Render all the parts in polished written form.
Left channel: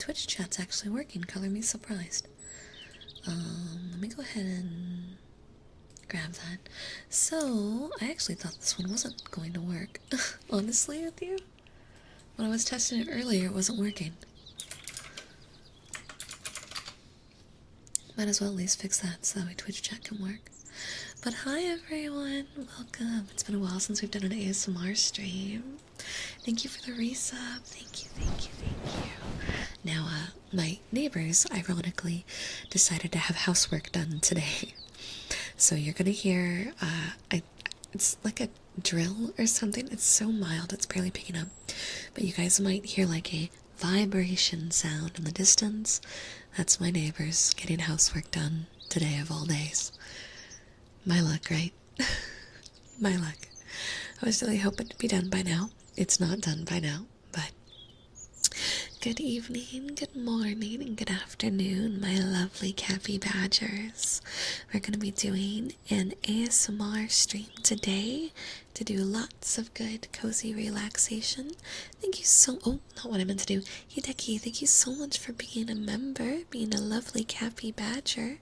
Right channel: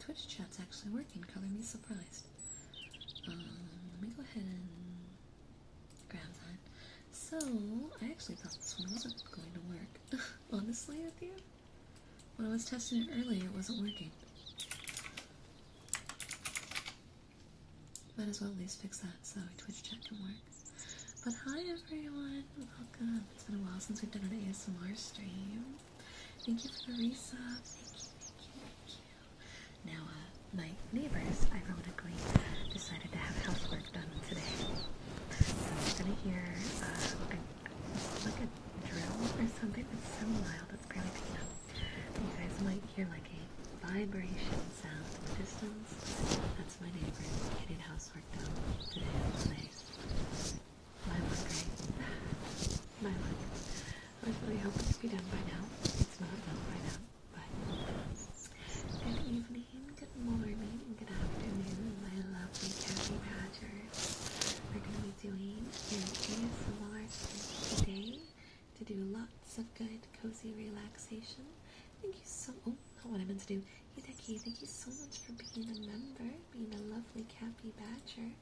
Twitch chat's actually working. Color me surprised. Let me go ahead and grab that. So, I actually thought this one wasn't going to work. Honestly, with you? When I was testing it earlier, it wasn't working. Might as well at least fix that so that way Twitch chat can work. But hi everyone, welcome. It's been a while since we've done an ASMR stream. Thank you for the resub. Thank you, thank you, thank you. Now, my neighbors, ironically, decided to have housework done today. So you're gonna hear, it's like a drill or something. It's so mild, it's barely picking up. But you guys might hear like a vibration sound in the distance. That's my neighbors getting housework done today of all days. My luck, right? My luck. I was really hoping to be done by now. It's not done by now, but good evening, good morning, and good afternoon, my lovely Cappy Badgers. We're going to be doing an ASMR stream today to do lots of good, cozy relaxation. Thank you so... Oh, not what I meant to do. Hideki, thank you so much for being a member, being a lovely Cappy Badger.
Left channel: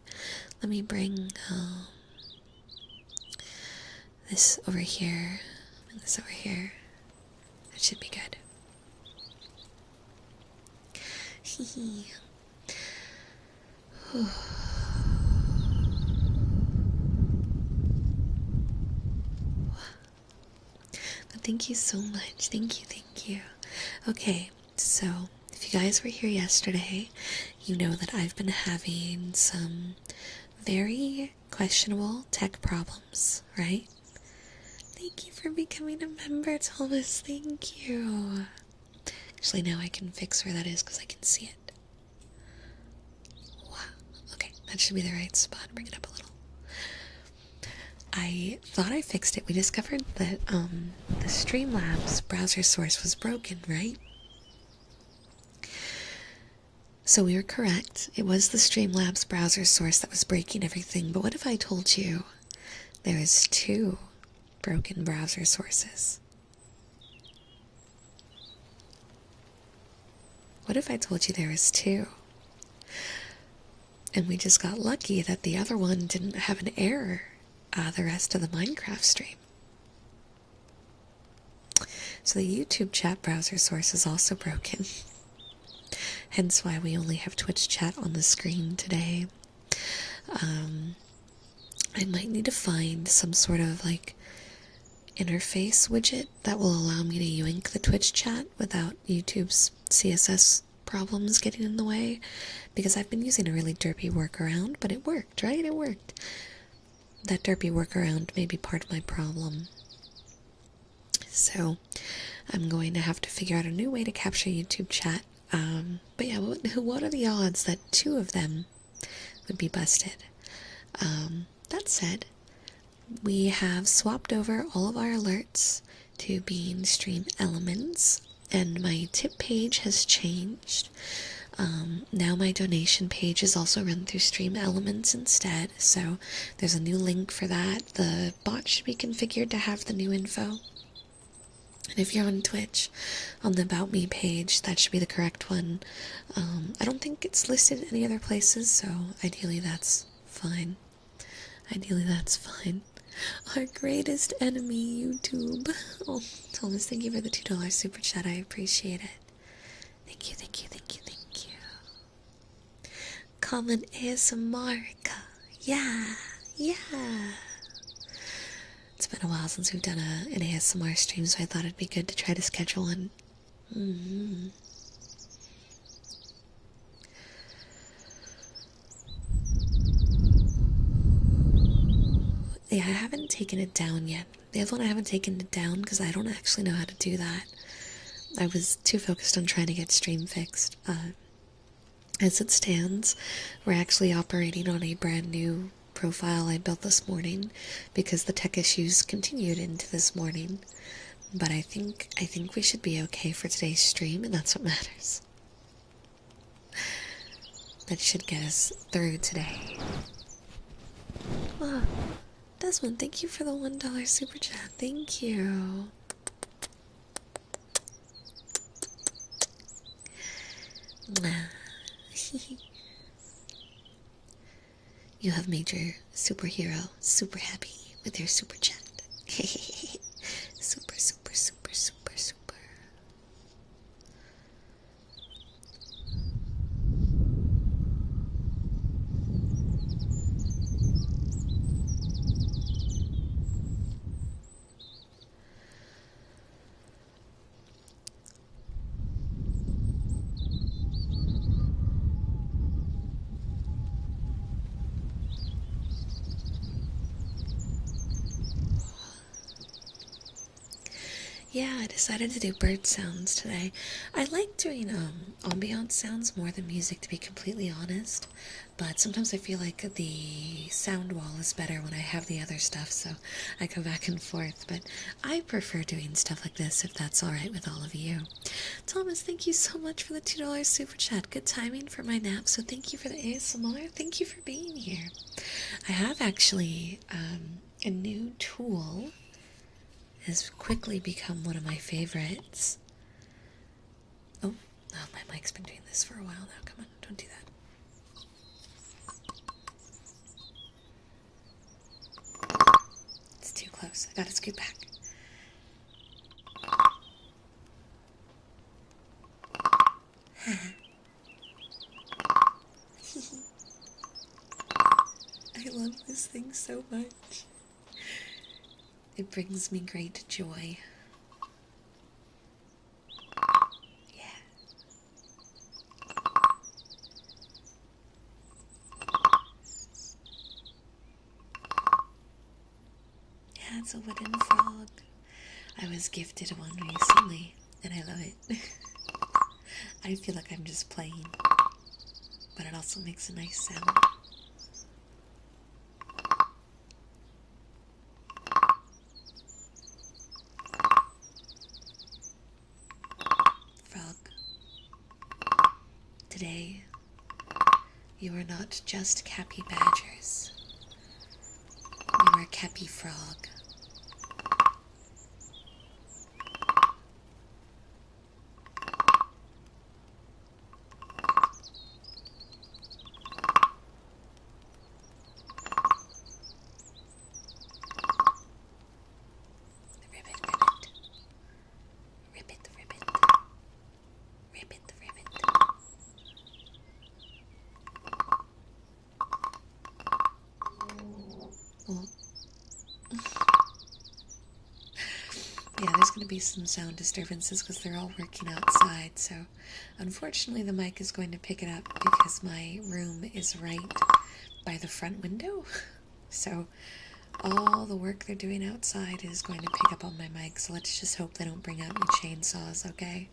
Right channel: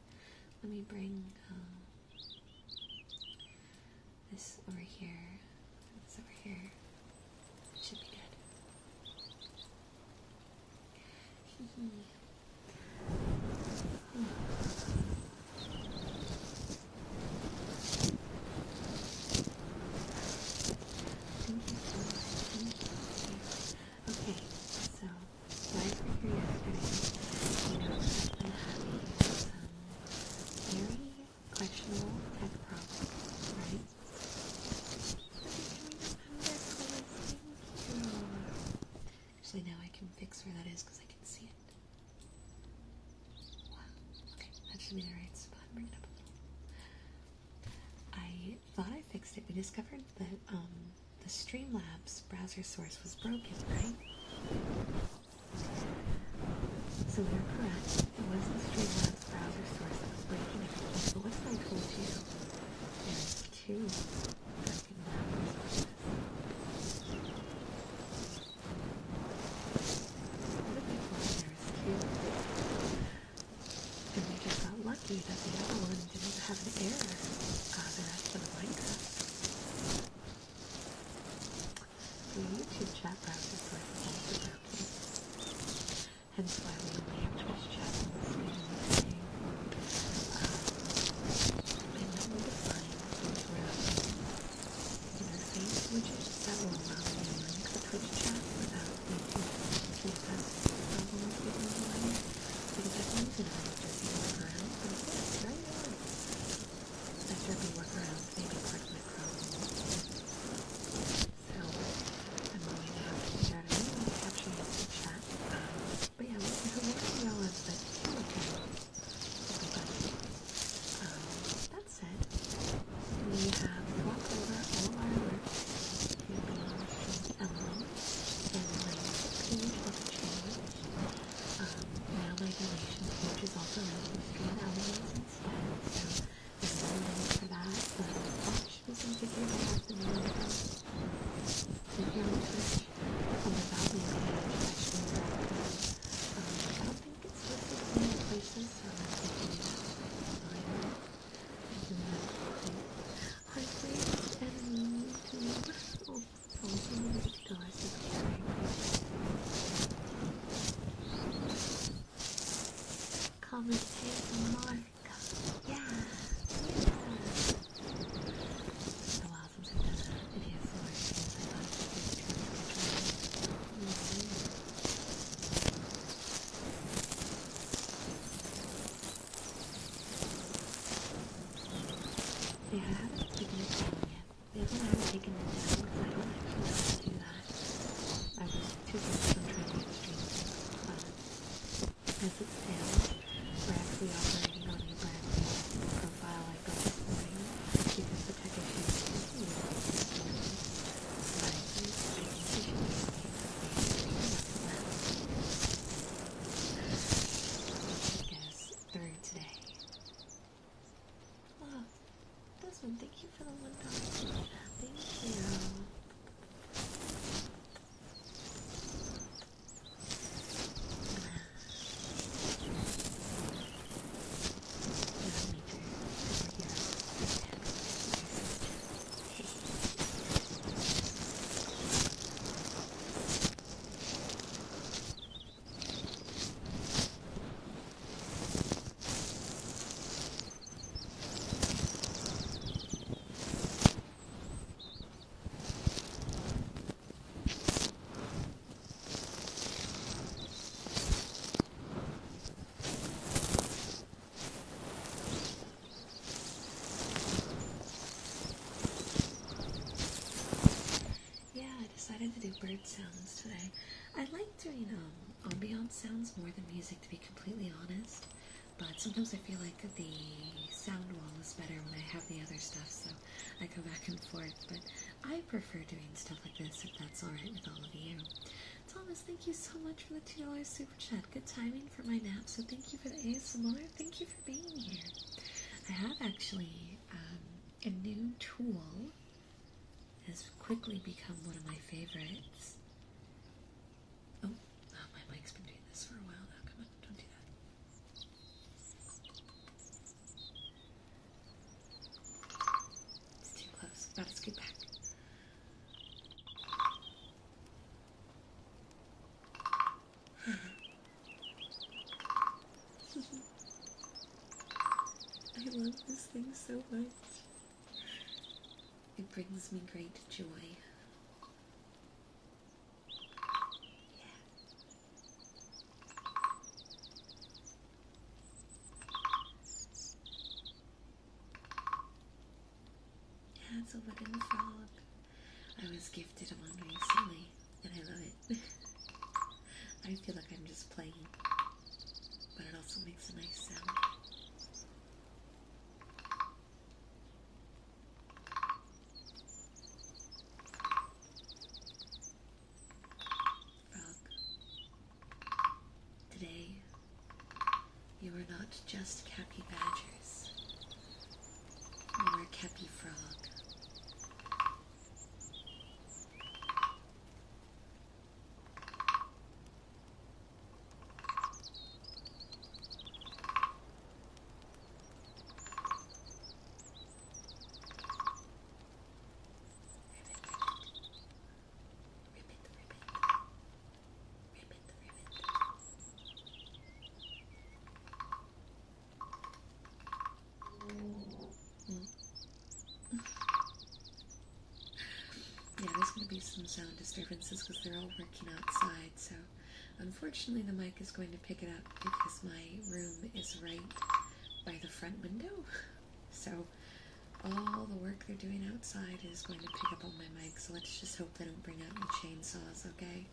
Let me bring this over here. Bring this over here. That should be good. Thank you so much. Thank you, thank you. Okay, so if you guys were here yesterday, you know that I've been having some very questionable tech problems, right? Thank you for becoming a member, Thomas. Thank you. Actually, now I can fix where that is because I can see it. Wow. Okay, that should be the right spot. Bring it up a little. I thought I fixed it. We discovered that the Streamlabs browser source was broken, right? So we were correct. It was the Streamlabs browser source that was breaking everything. But what if I told you there is 2 broken browser sources? What if I told you there was 2? And we just got lucky that the other one didn't have an error the rest of the Minecraft stream. So the YouTube chat browser source is also broken. Hence why we only have Twitch chat on the screen today. I might need to find some sort of like interface widget that will allow me to yoink the Twitch chat without YouTube's CSS problems getting in the way, because I've been using a really derpy workaround, but it worked, right? It worked. That derpy workaround may be part of my problem. So I'm going to have to figure out a new way to capture YouTube chat. But yeah, what are the odds that 2 of them would be busted? That said, we have swapped over all of our alerts to being stream elements, and my tip page has changed. Now my donation page is also run through Stream Elements instead, so there's a new link for that. The bot should be configured to have the new info. And if you're on Twitch, on the About Me page, that should be the correct one. I don't think it's listed any other places, so ideally that's fine. Ideally that's fine. Our greatest enemy, YouTube. Oh, Thomas, thank you for the $2 super chat. I appreciate it. Thank you, thank you, thank you, thank you. Comment ASMR. Yeah, yeah. It's been a while since we've done an ASMR stream, so I thought it'd be good to try to schedule one. Yeah, I haven't taken it down yet. The other one I haven't taken it down because I don't actually know how to do that. I was too focused on trying to get stream fixed. As it stands, we're actually operating on a brand new profile I built this morning because the tech issues continued into this morning. But I think we should be okay for today's stream, and that's what matters. That should get us through today. Wow. Desmond, thank you for the $1 super chat. Thank you. you have made your superhero super happy with their super chat. Super, super, super, super, super. Yeah, I decided to do bird sounds today. I like doing ambiance sounds more than music, to be completely honest. But sometimes I feel like the sound wall is better when I have the other stuff, so I go back and forth. But I prefer doing stuff like this if that's alright with all of you. Thomas, thank you so much for the $2 super chat. Good timing for my nap, so thank you for the ASMR. Thank you for being here. I have actually a new tool has quickly become one of my favorites. Oh, my mic's been doing this for a while now. Come on, don't do that. It's too close. I gotta scoot back. I love this thing so much. It brings me great joy. Yeah. Yeah, it's a wooden frog. I was gifted one recently, and I love it. I feel like I'm just playing, but it also makes a nice sound. Frog, today you are not just Cappy Badgers. You are Cappy Frog. Yeah, there's going to be some sound disturbances because they're all working outside, so unfortunately the mic is going to pick it up because my room is right by the front window. So all the work they're doing outside is going to pick up on my mic, so let's just hope they don't bring out any chainsaws, okay?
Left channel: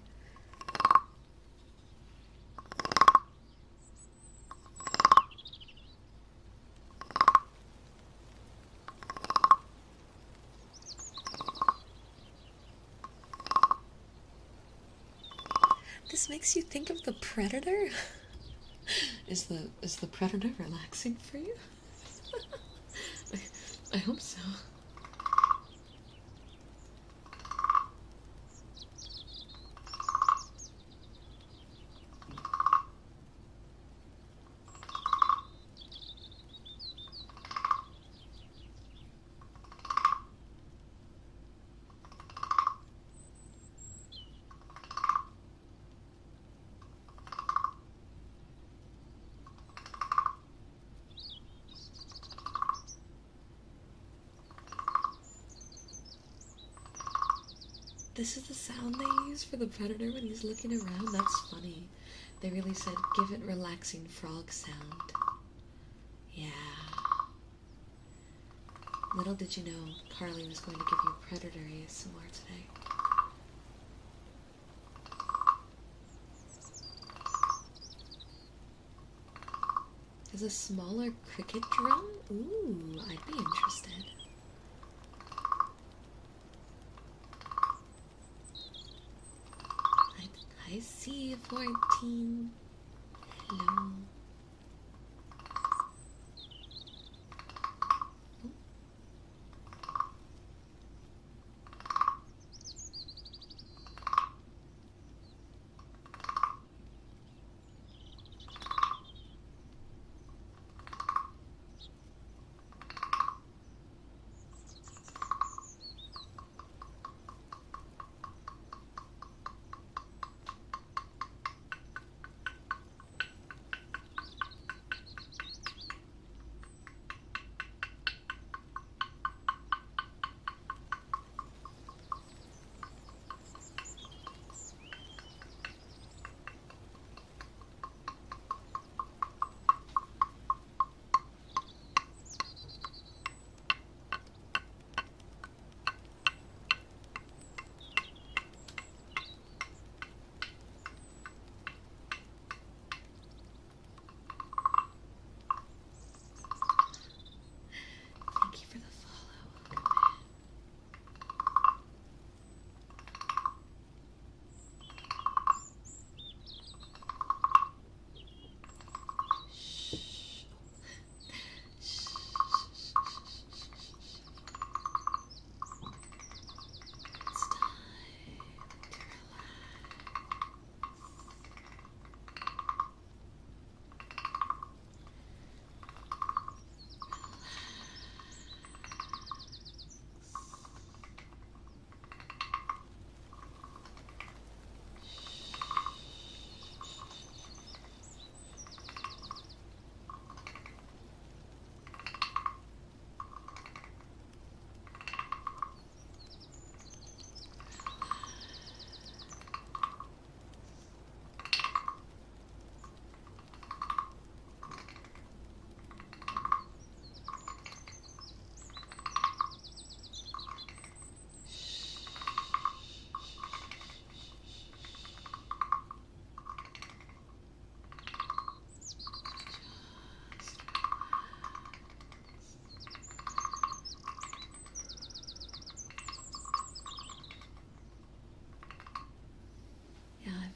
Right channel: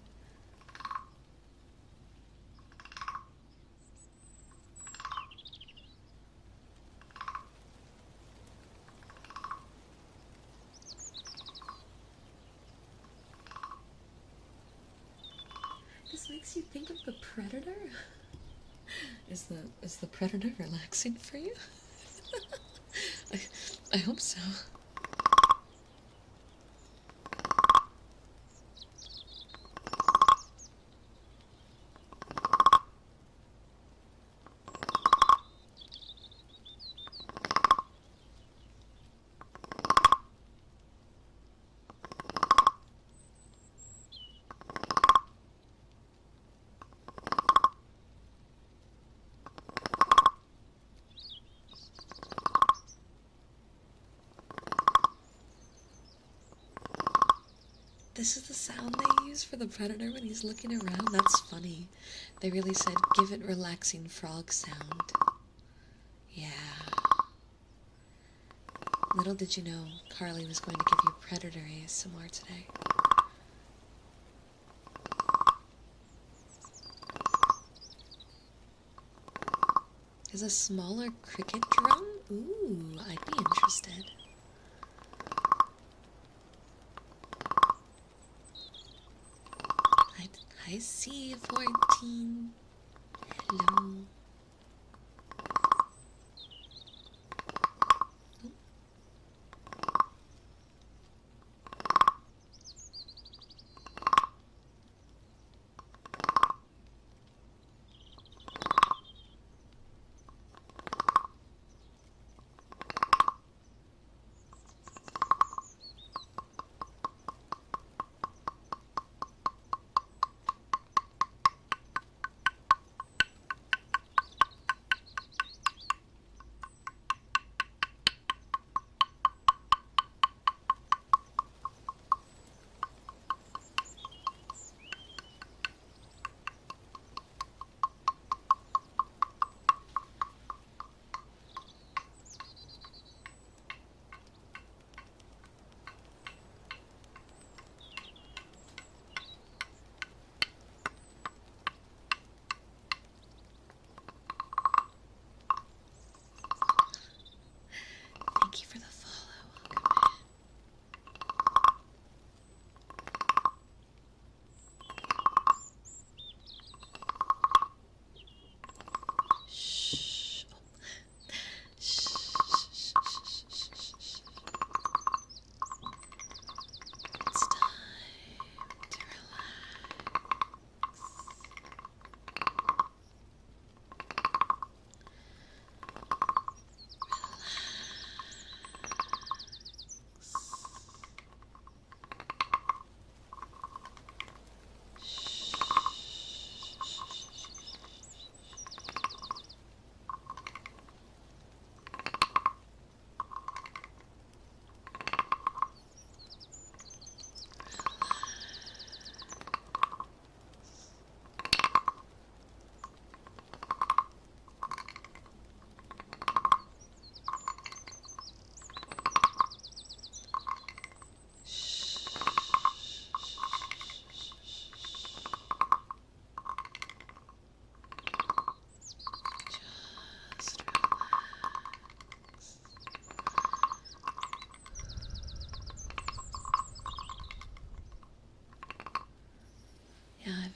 This makes you think of the Predator? Is the Predator relaxing for you? I hope so. This is the sound they use for the Predator when he's looking around. That's funny. They really said, give it relaxing frog sound. Yeah. Little did you know, Carly was going to give you Predator ASMR today. Is a smaller cricket drum? Ooh, I'd be interested. I see 14. Hello.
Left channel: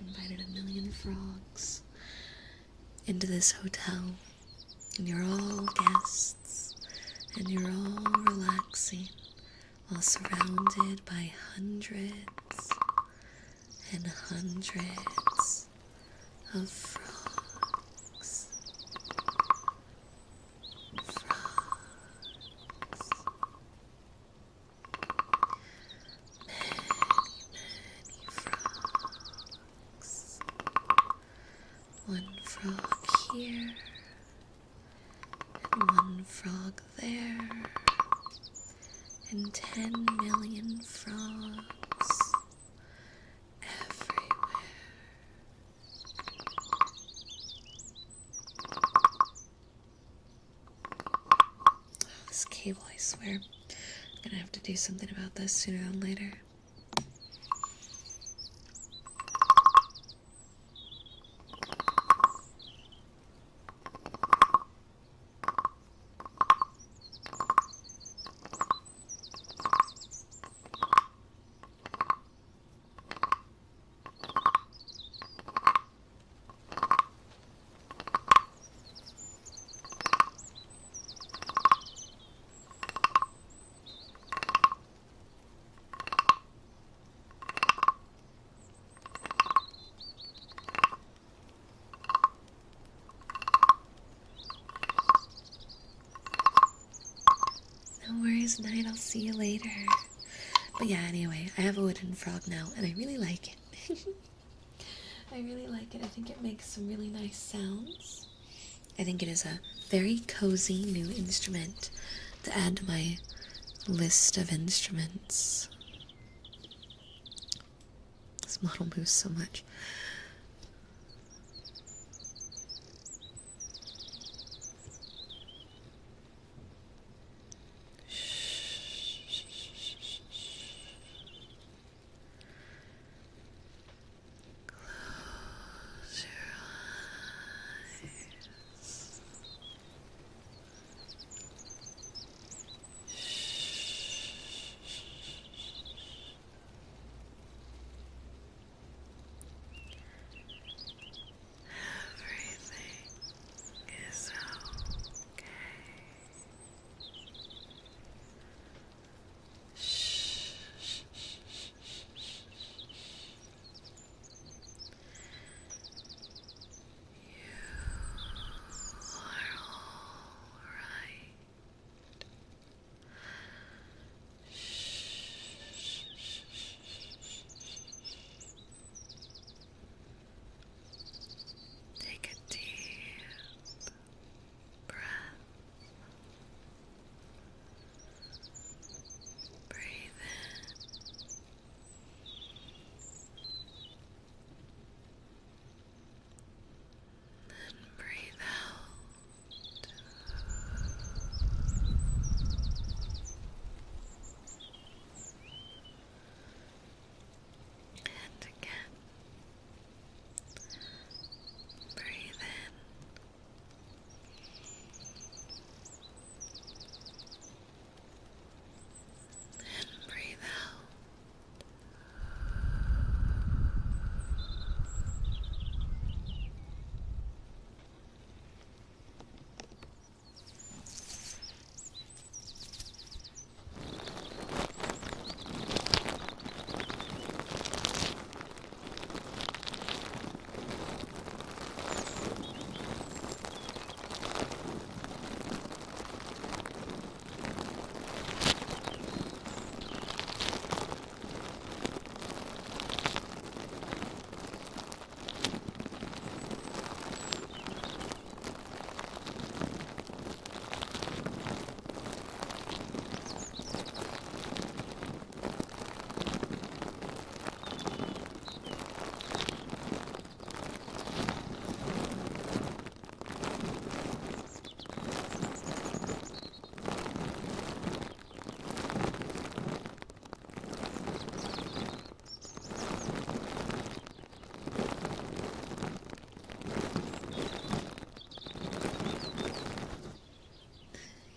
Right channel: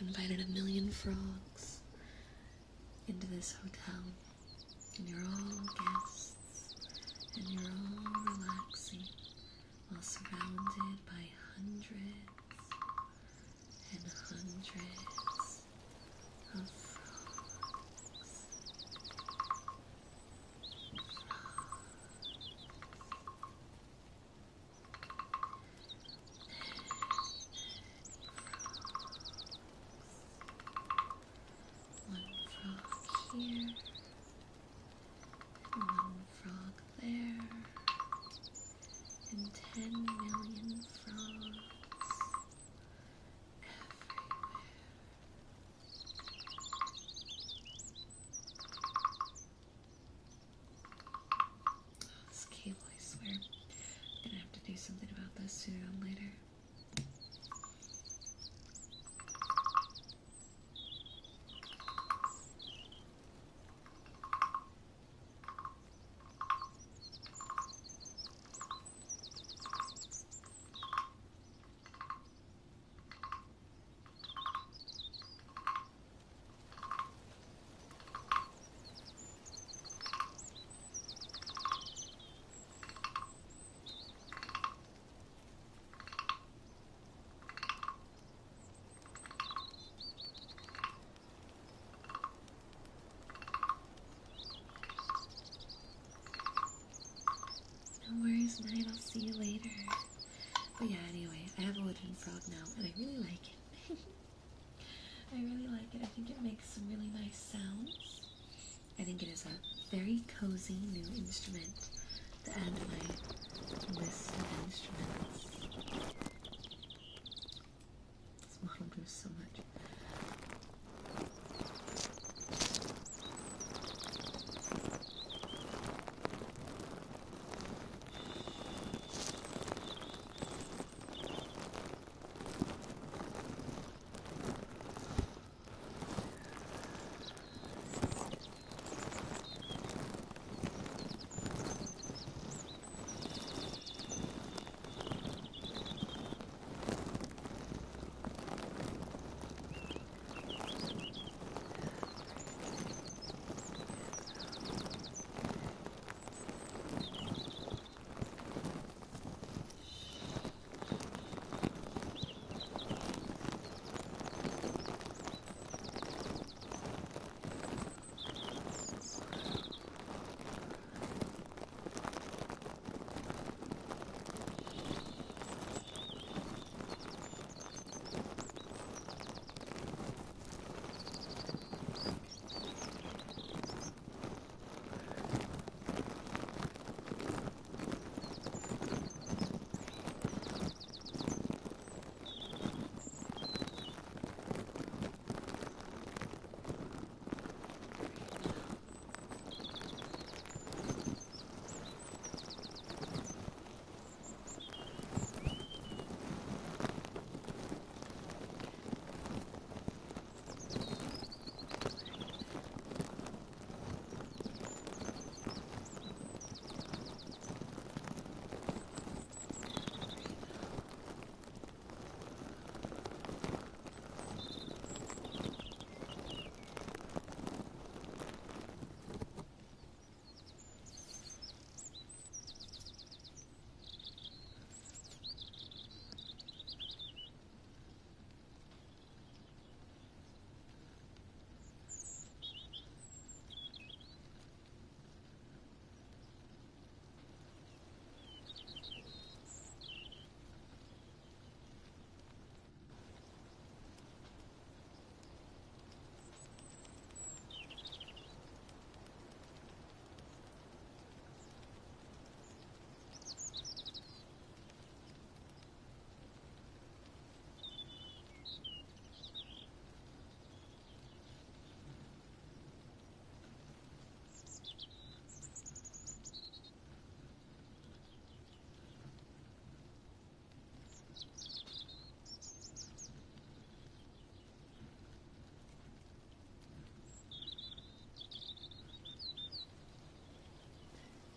I've invited 1,000,000 frogs into this hotel, and you're all guests, and you're all relaxing while surrounded by hundreds and hundreds of frogs. One frog here, and one frog there, and 10,000,000 frogs everywhere. Oh, this cable, I swear. I'm gonna have to do something about this sooner than later. No worries, Night. I'll see you later. But yeah, anyway, I have a wooden frog now, and I really like it. I really like it. I think it makes some really nice sounds. I think it is a very cozy new instrument to add to my list of instruments. This model moves so much.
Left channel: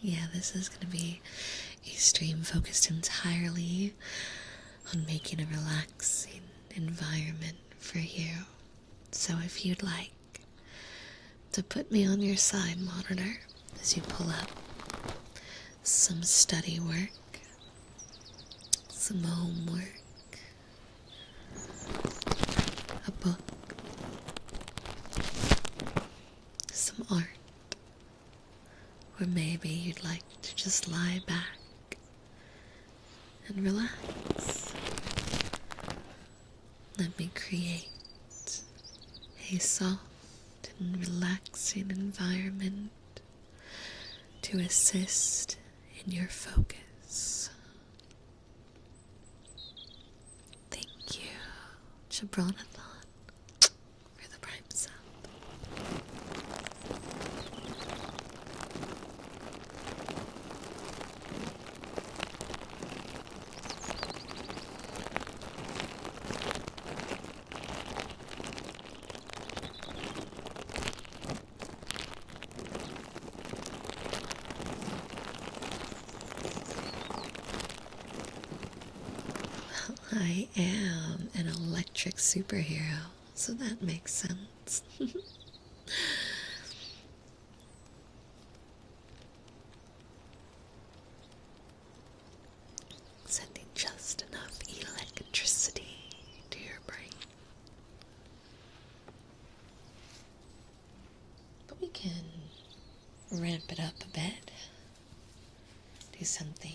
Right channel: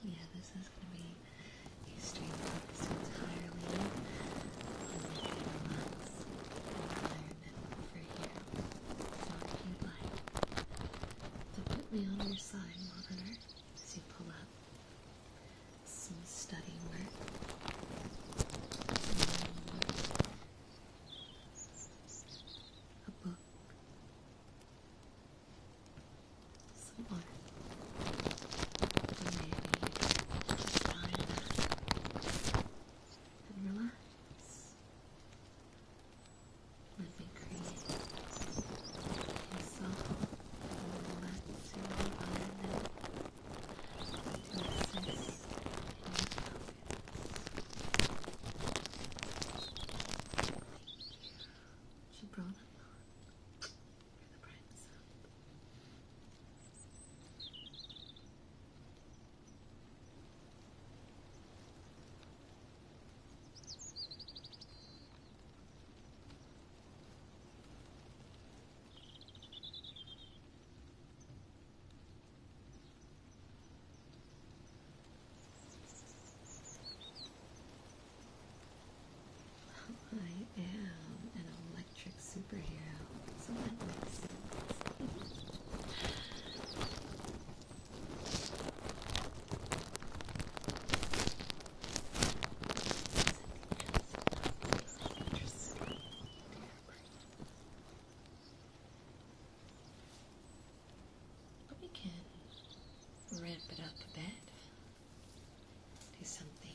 Yeah, this is going to be a stream focused entirely on making a relaxing environment for you. So if you'd like to put me on your side monitor as you pull up some study work, some homework, a book, some art, or maybe you'd like to just lie back and relax. Let me create a soft and relaxing environment to assist in your focus. Thank you, Jabranathon, for the prime sub. I am an electric superhero, so that makes sense. Sending just enough electricity to your brain. But we can ramp it up a bit. Do something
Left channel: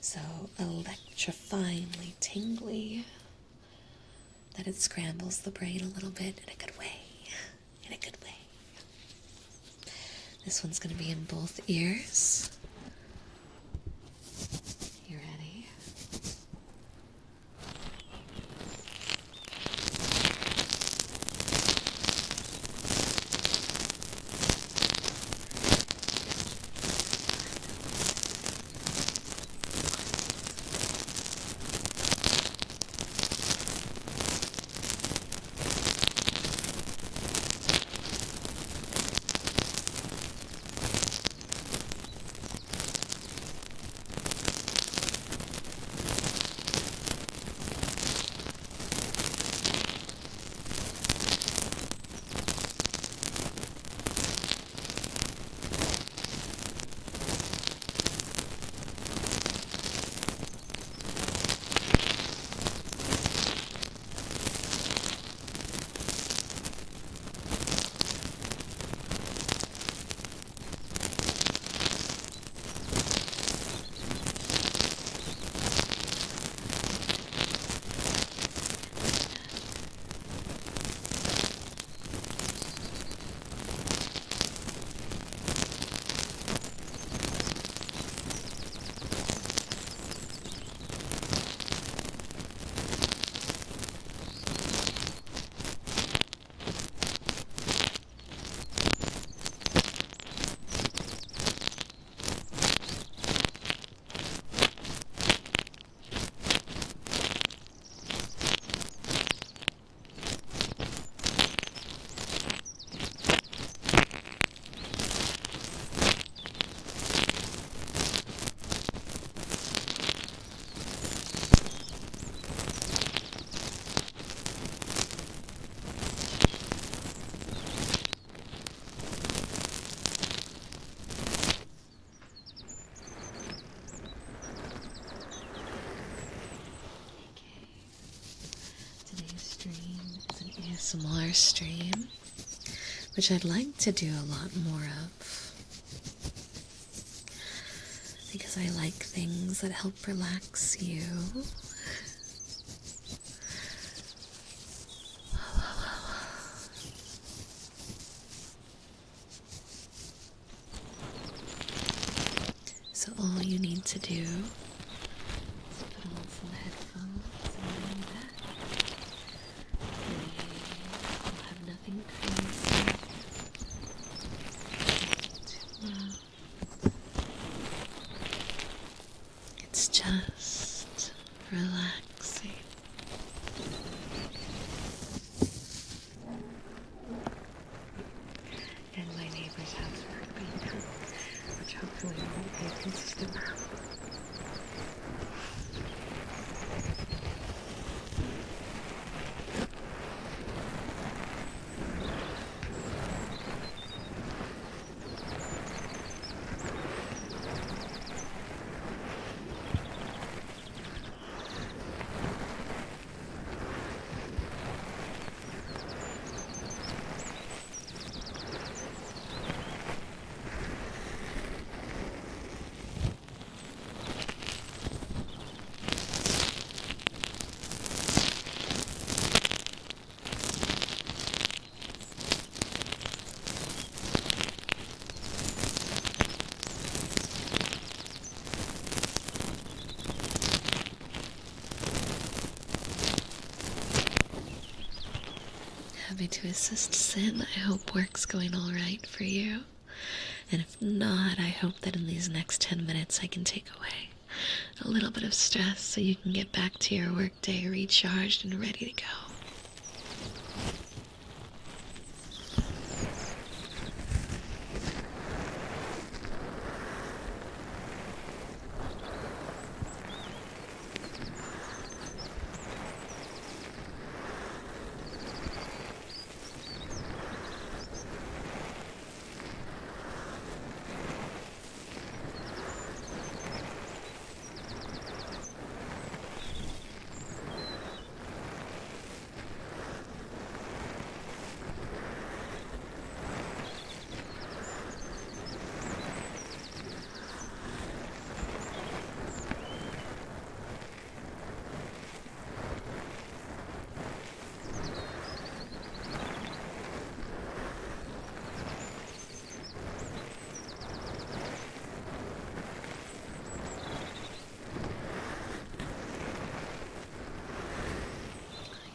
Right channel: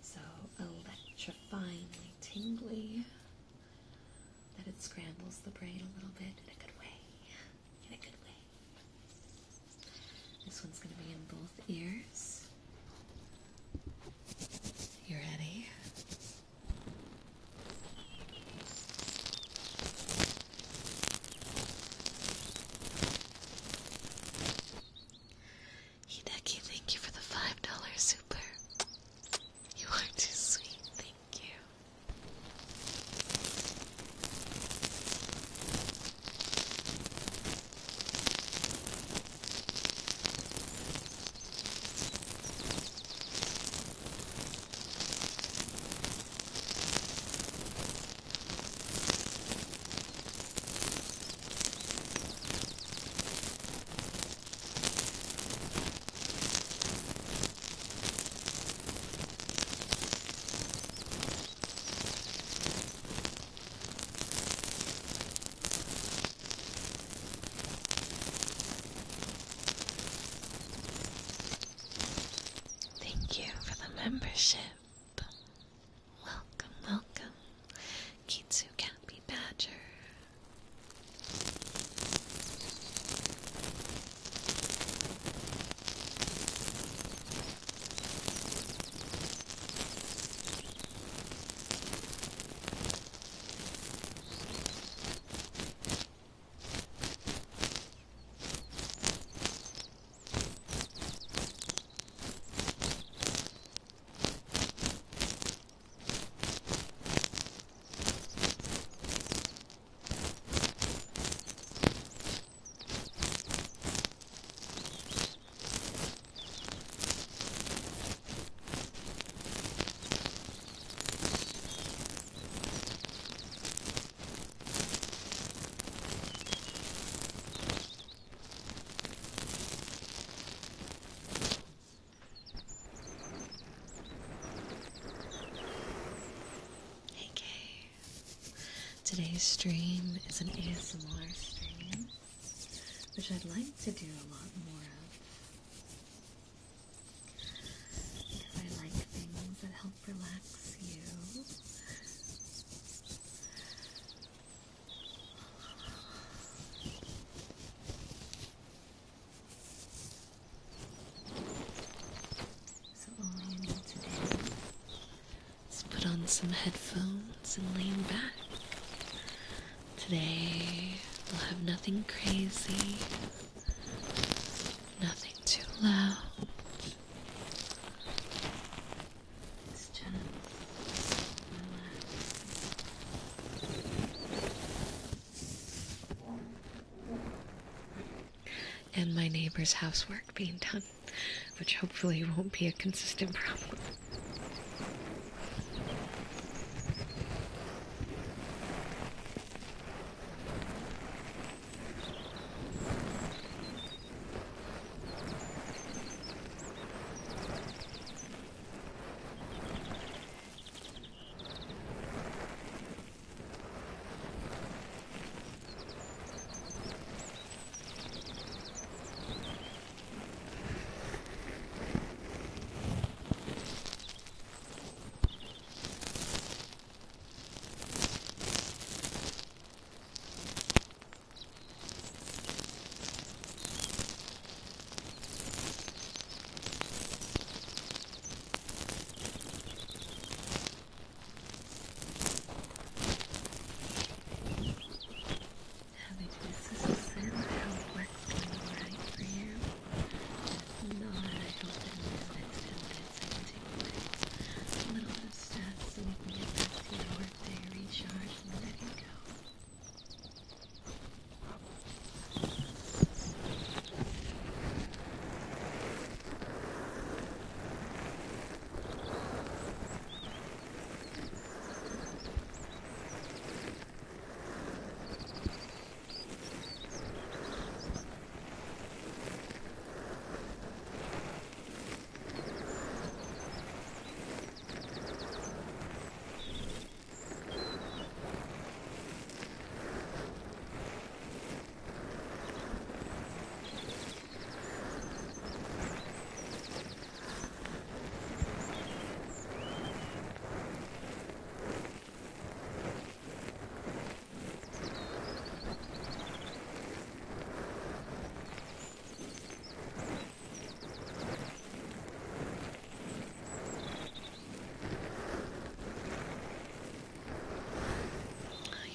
so electrifyingly tingly that it scrambles the brain a little bit in a good way. In a good way. This one's going to be in both ears. You ready? Becky, thank you for the $5 super. You are too sweet. Today's stream is an ASMR stream, which I'd like to do a lot more of, because I like things that help relax you. So all you need to do is put on some headphones and lean back. Today we'll have nothing crazy, nothing too loud. It's just relaxing. And my neighbor's housework being done, which hopefully won't be a consistent problem. Happy to assist, Sin. I hope work's going alright for you. And if not, I hope that in these next 10 minutes I can take away a little bit of stress so you can get back to your workday recharged and ready to go.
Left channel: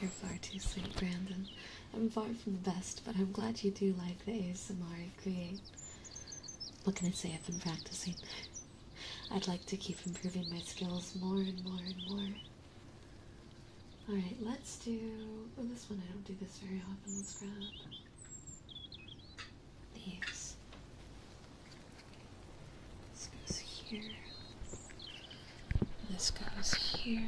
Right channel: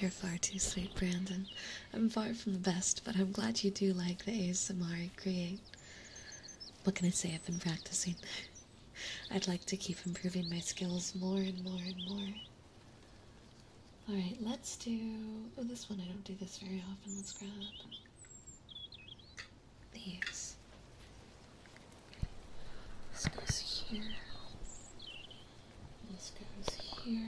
You're far too sweet, Brandon. I'm far from the best, but I'm glad you do like the ASMR I create. What can I say? I've been practicing. I'd like to keep improving my skills more and more and more. Alright, let's do... Oh, this one I don't do this very often. Let's grab these. This goes here. This goes here.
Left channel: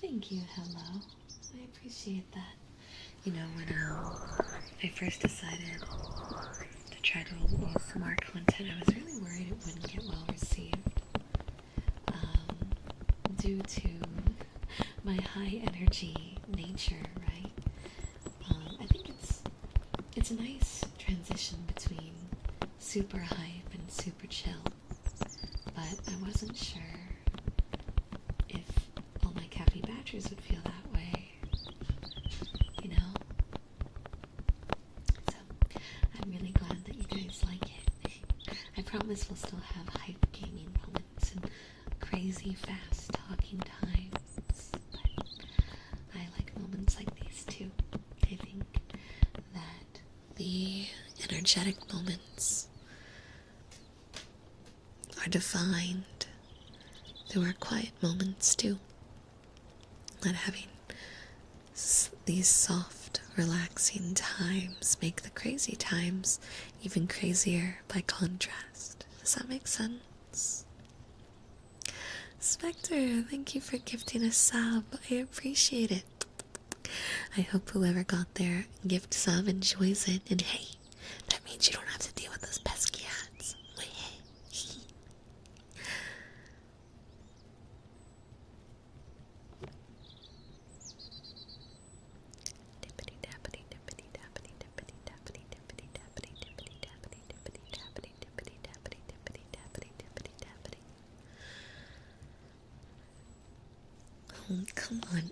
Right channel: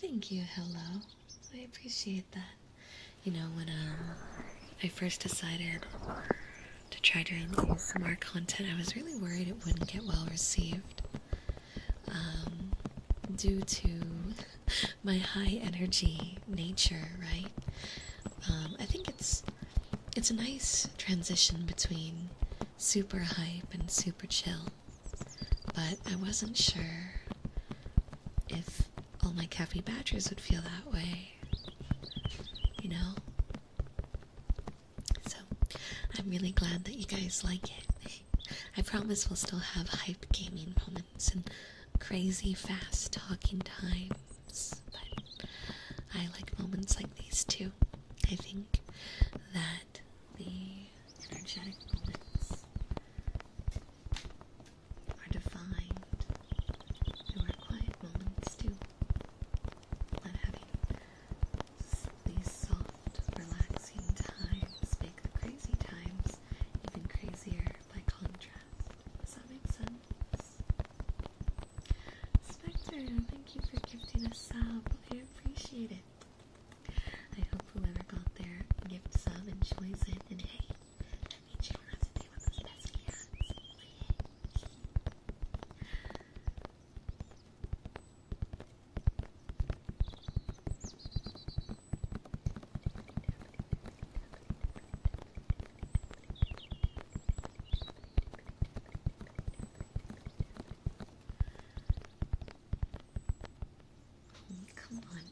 Thank you, hello. I appreciate that. You know, when I first decided to try doing some more content, I was really worried it wouldn't get well received. Due to my high energy nature, right? I think it's a nice transition between super hype and super chill. But I wasn't sure if all my caffeine batchers would feel that way, you know? So, I'm really glad that you guys like it. I promise we'll still have hype gaming moments and crazy fast talking times, but I like moments like these too. I think that the energetic moments are defined through our quiet moments too. Not having these soft, relaxing times make the crazy times even crazier by contrast. Does that make sense? Spectre, thank you for gifting a sub. I appreciate it. I hope whoever got their gift sub enjoys it. And hey, that means you don't have to deal with those pesky ads. Oh, come on.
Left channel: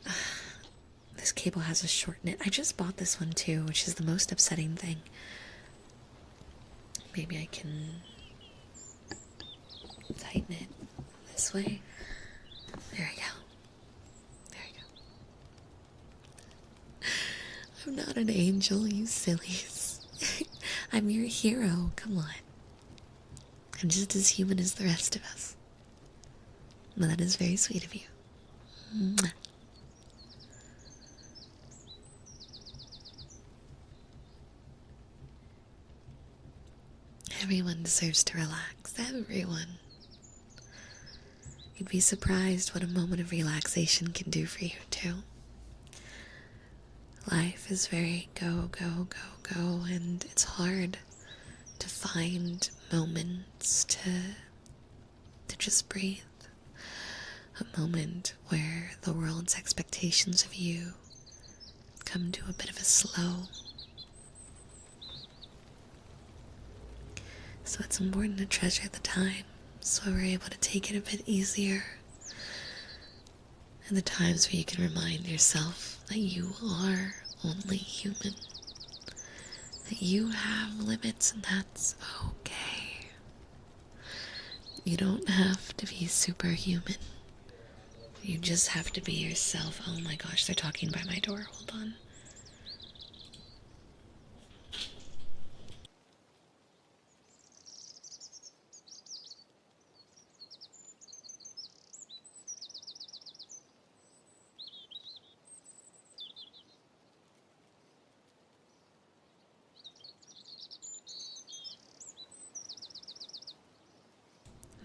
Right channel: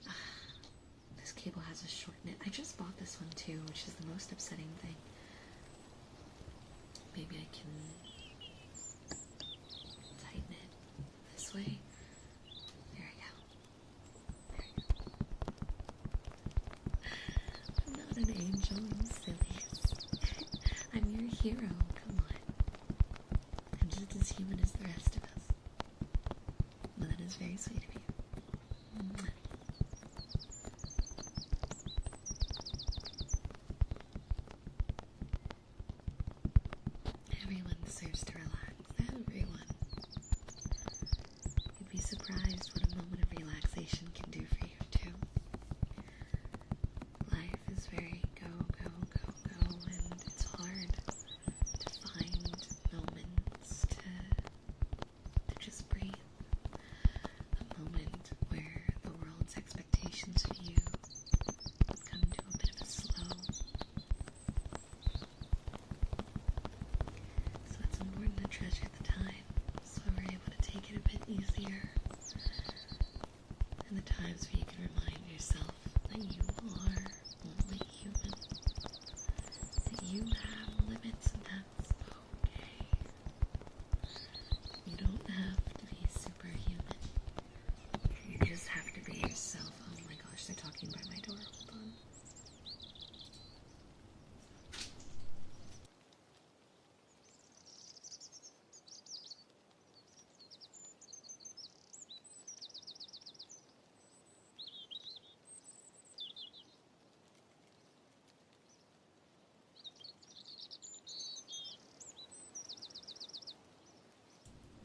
This cable has a short knit. I just bought this one too, which is the most upsetting thing. Maybe I can tighten it this way. There we go. There we go. I'm not an angel, you sillies. I'm your hero, come on. I'm just as human as the rest of us. Well, that is very sweet of you. Mwah. Everyone deserves to relax. Everyone. You'd be surprised what a moment of relaxation can do for you, too. Life is very go, go, go, go, and it's hard to find moments to just breathe. A moment where the world's expectations of you come to a bit of a slow. So it's important to treasure the time so we're able to take it a bit easier. And the times where you can remind yourself that you are only human. That you have limits and that's okay. You don't have to be superhuman. You just have to be yourself. Oh my gosh, they're talking by my door. Hold on.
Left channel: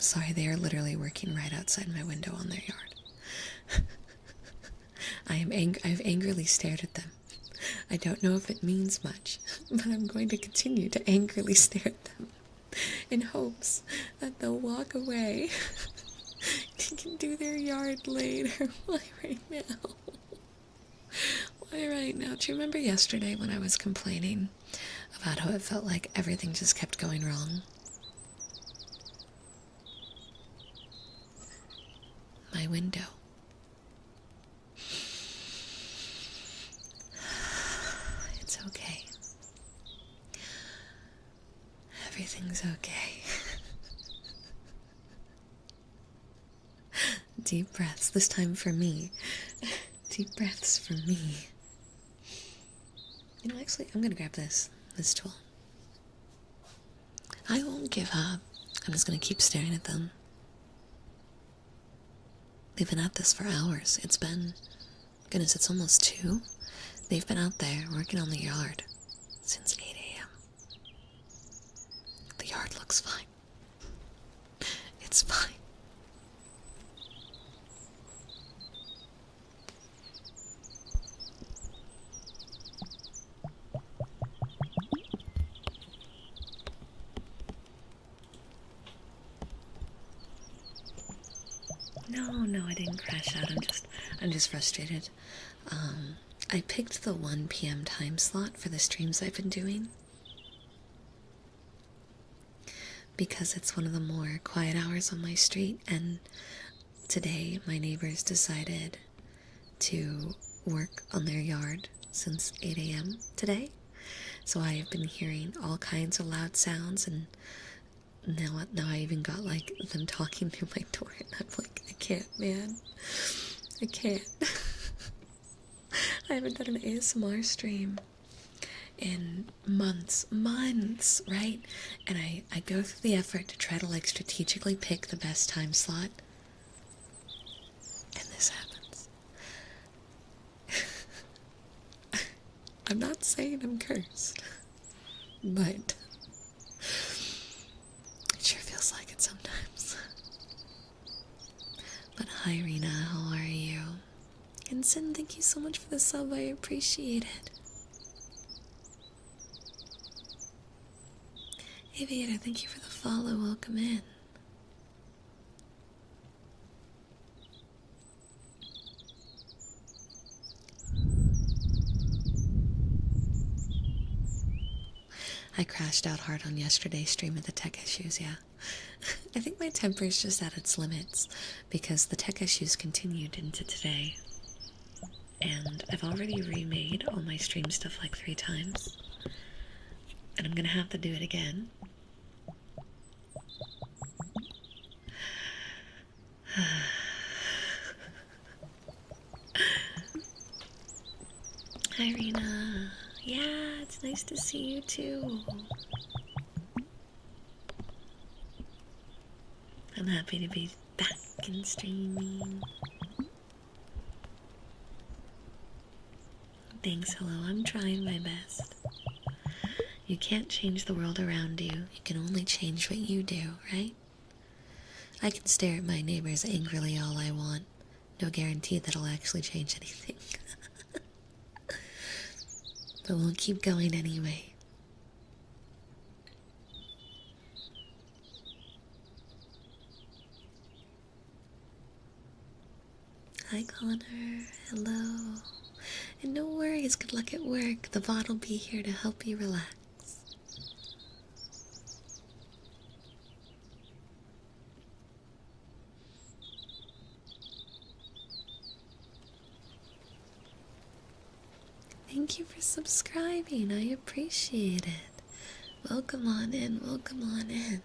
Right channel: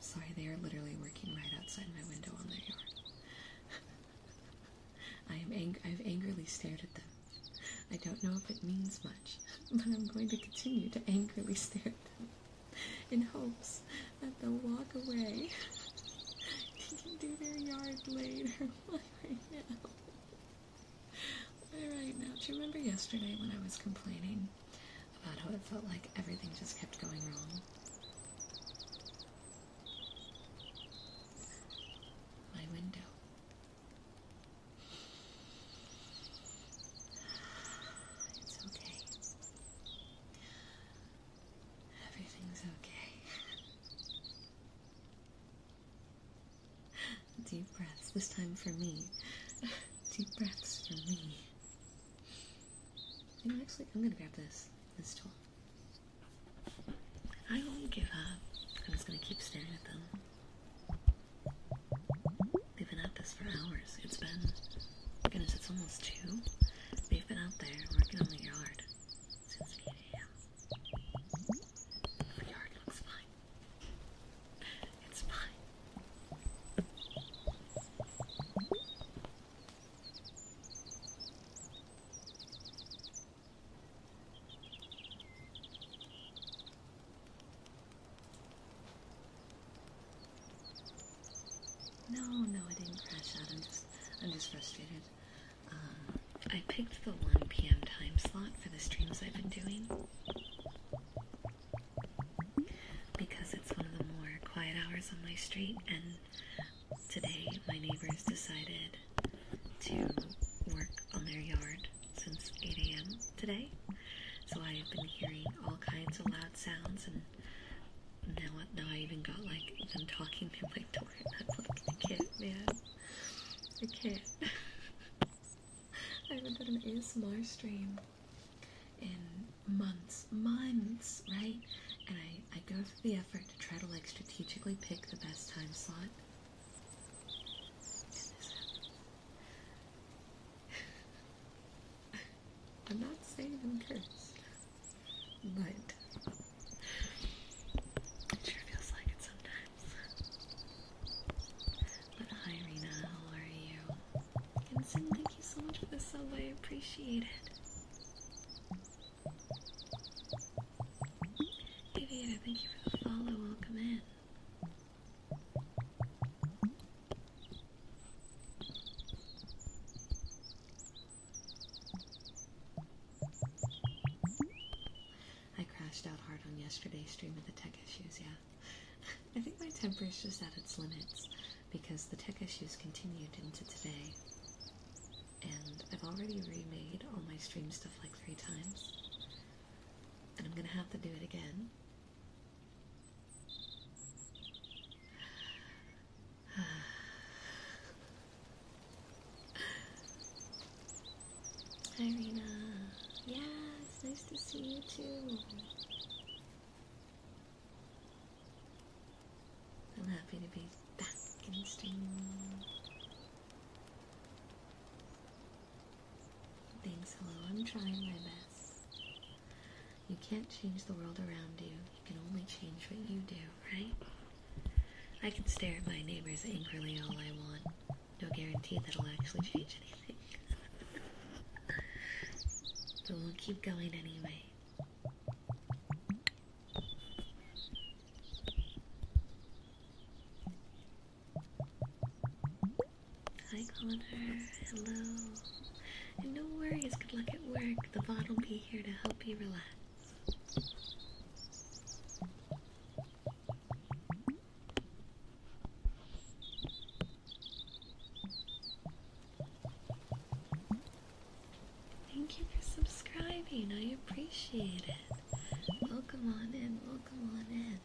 Sorry, they are literally working right outside my window on their yard. I've angrily stared at them. I don't know if it means much, but I'm going to continue to angrily stare at them in hopes that they'll walk away and can do their yard later. Why right now? Why right now? Do you remember yesterday when I was complaining about how it felt like everything just kept going wrong? My window. It's okay. Everything's okay. Deep breaths, this time for me. Deep breaths for me. You know, actually, I'm gonna grab this tool. I won't give up. I'm just gonna keep staring at them. They've been at this for hours. It's been, goodness, it's almost 2. They've been out there working on the yard since 8 a.m. The yard looks fine. It's fine. No, I didn't crash out. I'm just frustrated. I picked the 1 p.m. time slot for the streams I've been doing because it's one of the more quiet hours on my street, and today my neighbors decided to work on their yard since 8 a.m. today. So I've been hearing all kinds of loud sounds, and now I even got like them talking through my door, and I'm like, I can't, man. I can't. I haven't done an ASMR stream in months, right? And I go through the effort to try to like strategically pick the best time slot, and this happens. I'm not saying I'm cursed, but it sure feels like it sometimes. But hi, Rena, how are you? And Sin, thank you so much for the sub, I appreciate it. Aviator, thank you for the follow, welcome in. I crashed out hard on yesterday's stream with the tech issues, yeah. I think my temper's just at its limits because the tech issues continued into today. And I've already remade all my stream stuff like 3 times. And I'm gonna have to do it again. Hi, Rena. Yeah, it's nice to see you too. I'm happy to be back and streaming. Thanks, hello. I'm trying my best. You can't change the world around you. You can only change what you do, right? I can stare at my neighbors angrily all I want. No guarantee that'll actually change anything. But we'll keep going anyway. Hi Connor, hello. And no worries, good luck at work. The bot will be here to help you relax. Thank you for subscribing, I appreciate it. Welcome on in, welcome on in.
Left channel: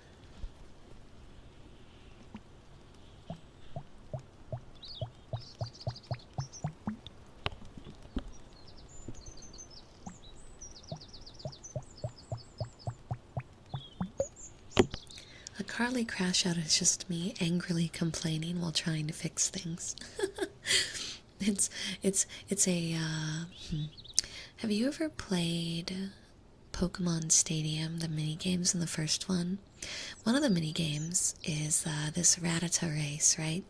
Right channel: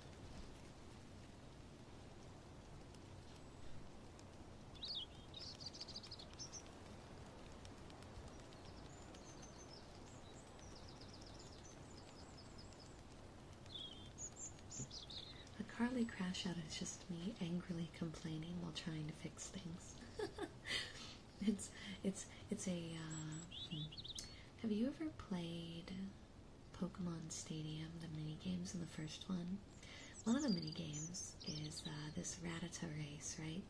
A Carly crash out is just me angrily complaining while trying to fix things. it's a have you ever played Pokemon Stadium, the mini games in the first one? One of the mini games is this Rattata race, right?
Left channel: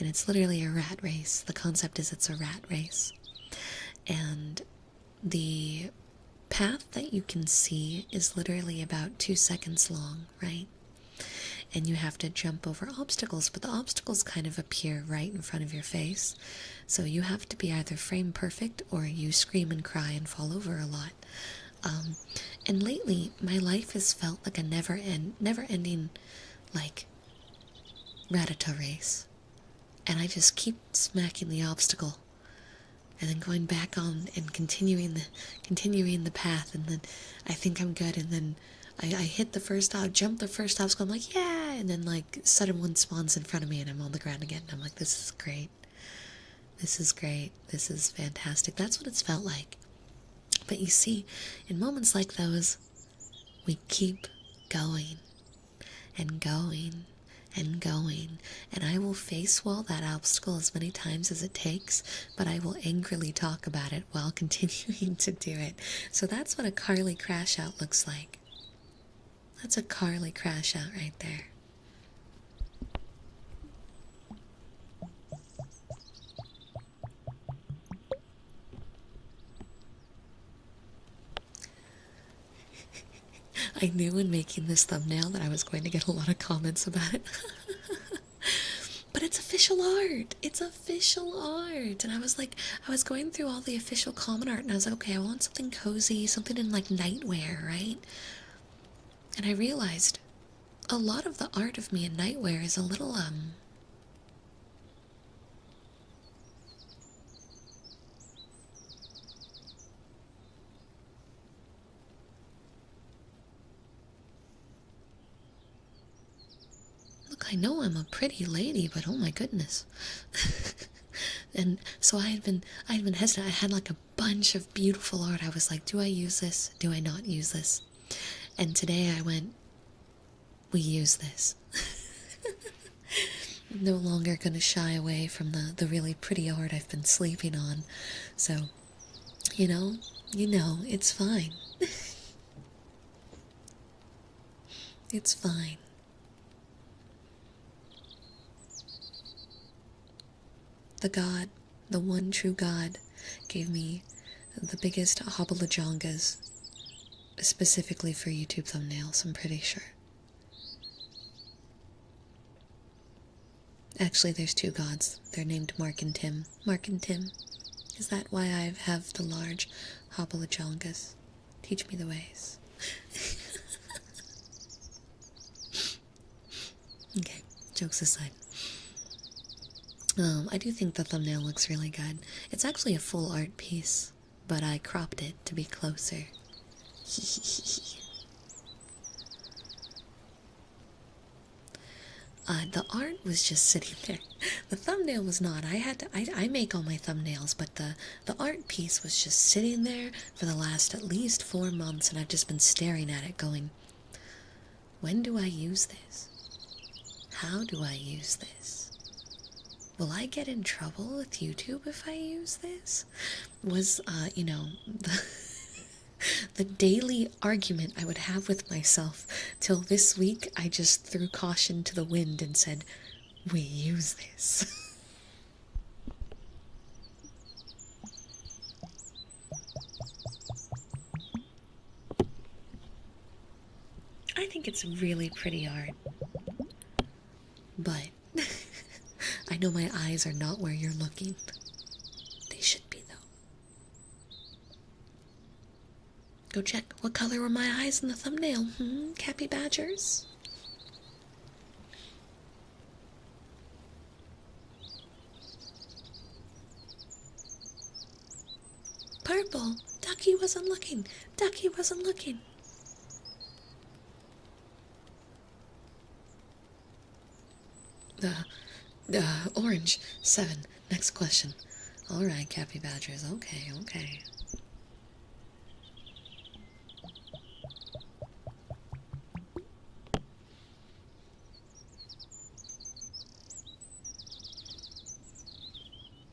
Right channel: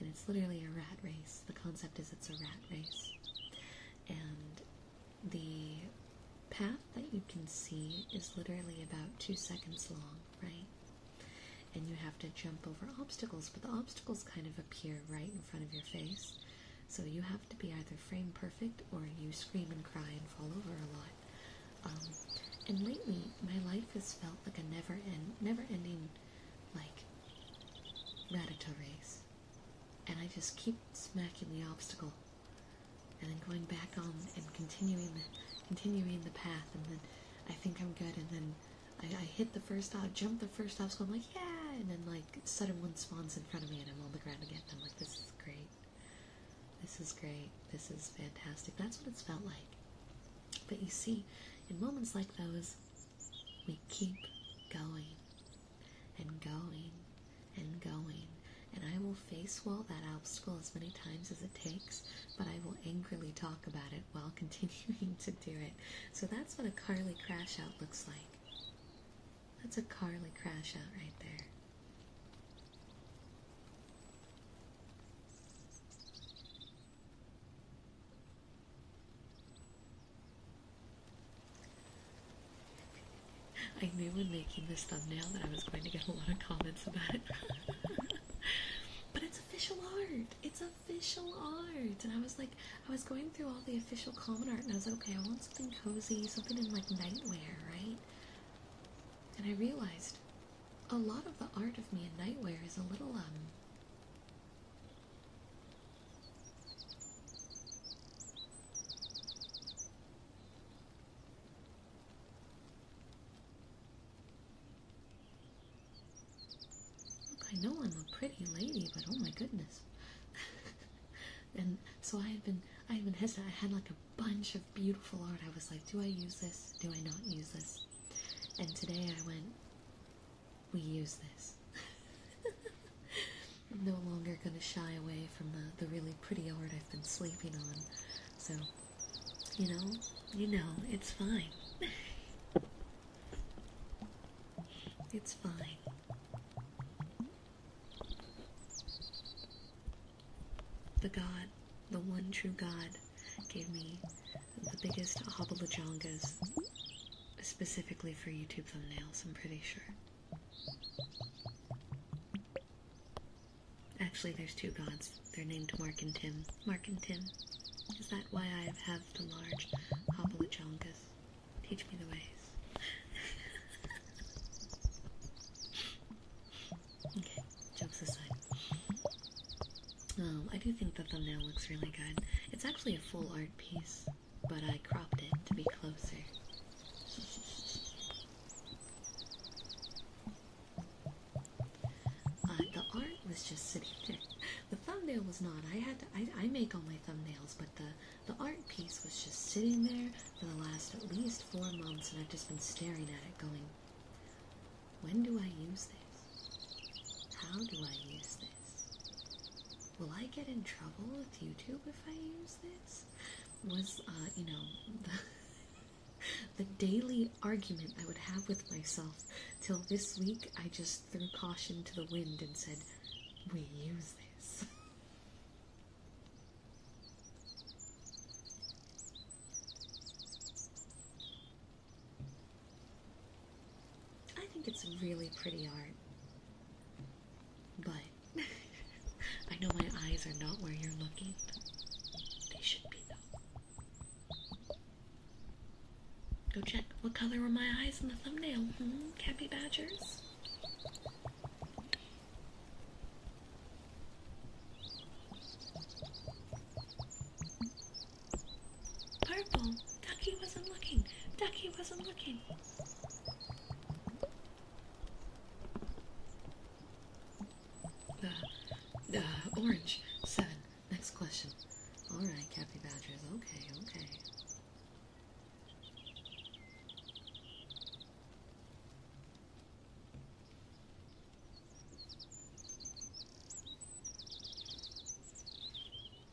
And it's literally a rat race. The concept is it's a rat race. And the path that you can see is literally about 2 seconds long, right? And you have to jump over obstacles, but the obstacles kind of appear right in front of your face. So you have to be either frame perfect or you scream and cry and fall over a lot. And lately, my life has felt like a never-ending, like, Rattata race. And I just keep smacking the obstacle, and then going back on and continuing the path, and then I think I'm good, and then I hit the first jump the first obstacle. I'm like, yeah, and then like sudden one spawns in front of me, and I'm on the ground again. And I'm like, this is great. This is great. This is fantastic. That's what it's felt like. But you see, in moments like those, we keep going and going and going, and I will face wall that obstacle as many times as it takes, but I will angrily talk about it while continuing to do it. So that's what a Carly crash out looks like. That's a Carly crash out right there. I knew in making this thumbnail that I was going to get a lot of comments about it. But it's official art. It's official art. And I was like, I was going through all the official comment art, and I was like, okay, I want something cozy, something in like nightwear, right? And I realized a lot of the art of me in nightwear is a little, look, I know I'm a pretty lady, but oh my goodness. And so I had been hesitant. I had like a bunch of beautiful art. I was like, do I use this? Do I not use this? And today I went, we use this. No longer gonna shy away from the really pretty art I've been sleeping on. So, you know, it's fine. It's fine. The God, the one true God, gave me the biggest hobble-a-jongas specifically for YouTube thumbnails, I'm pretty sure. Actually, there's two gods. They're named Mark and Tim. Mark and Tim. Is that why I have the large hobble-a-jongas? Teach me the ways. Okay, jokes aside. I do think the thumbnail looks really good. It's actually a full art piece, but I cropped it to be closer. The art was just sitting there. The thumbnail was not. I make all my thumbnails, but the art piece was just sitting there for the last at least 4 months, and I've just been staring at it going, when do I use this? How do I use this? Will I get in trouble with YouTube if I use this? Was, The daily argument I would have with myself till this week, I just threw caution to the wind and said, we use this. I think it's really pretty art. But I know my eyes are not where you're looking. They should be, though. Go check. What color were my eyes in the thumbnail? Cappy badgers? Purple. Ducky wasn't looking. Ducky wasn't looking. The orange. 7. Next question. Alright, Cappy Badgers. Okay, okay.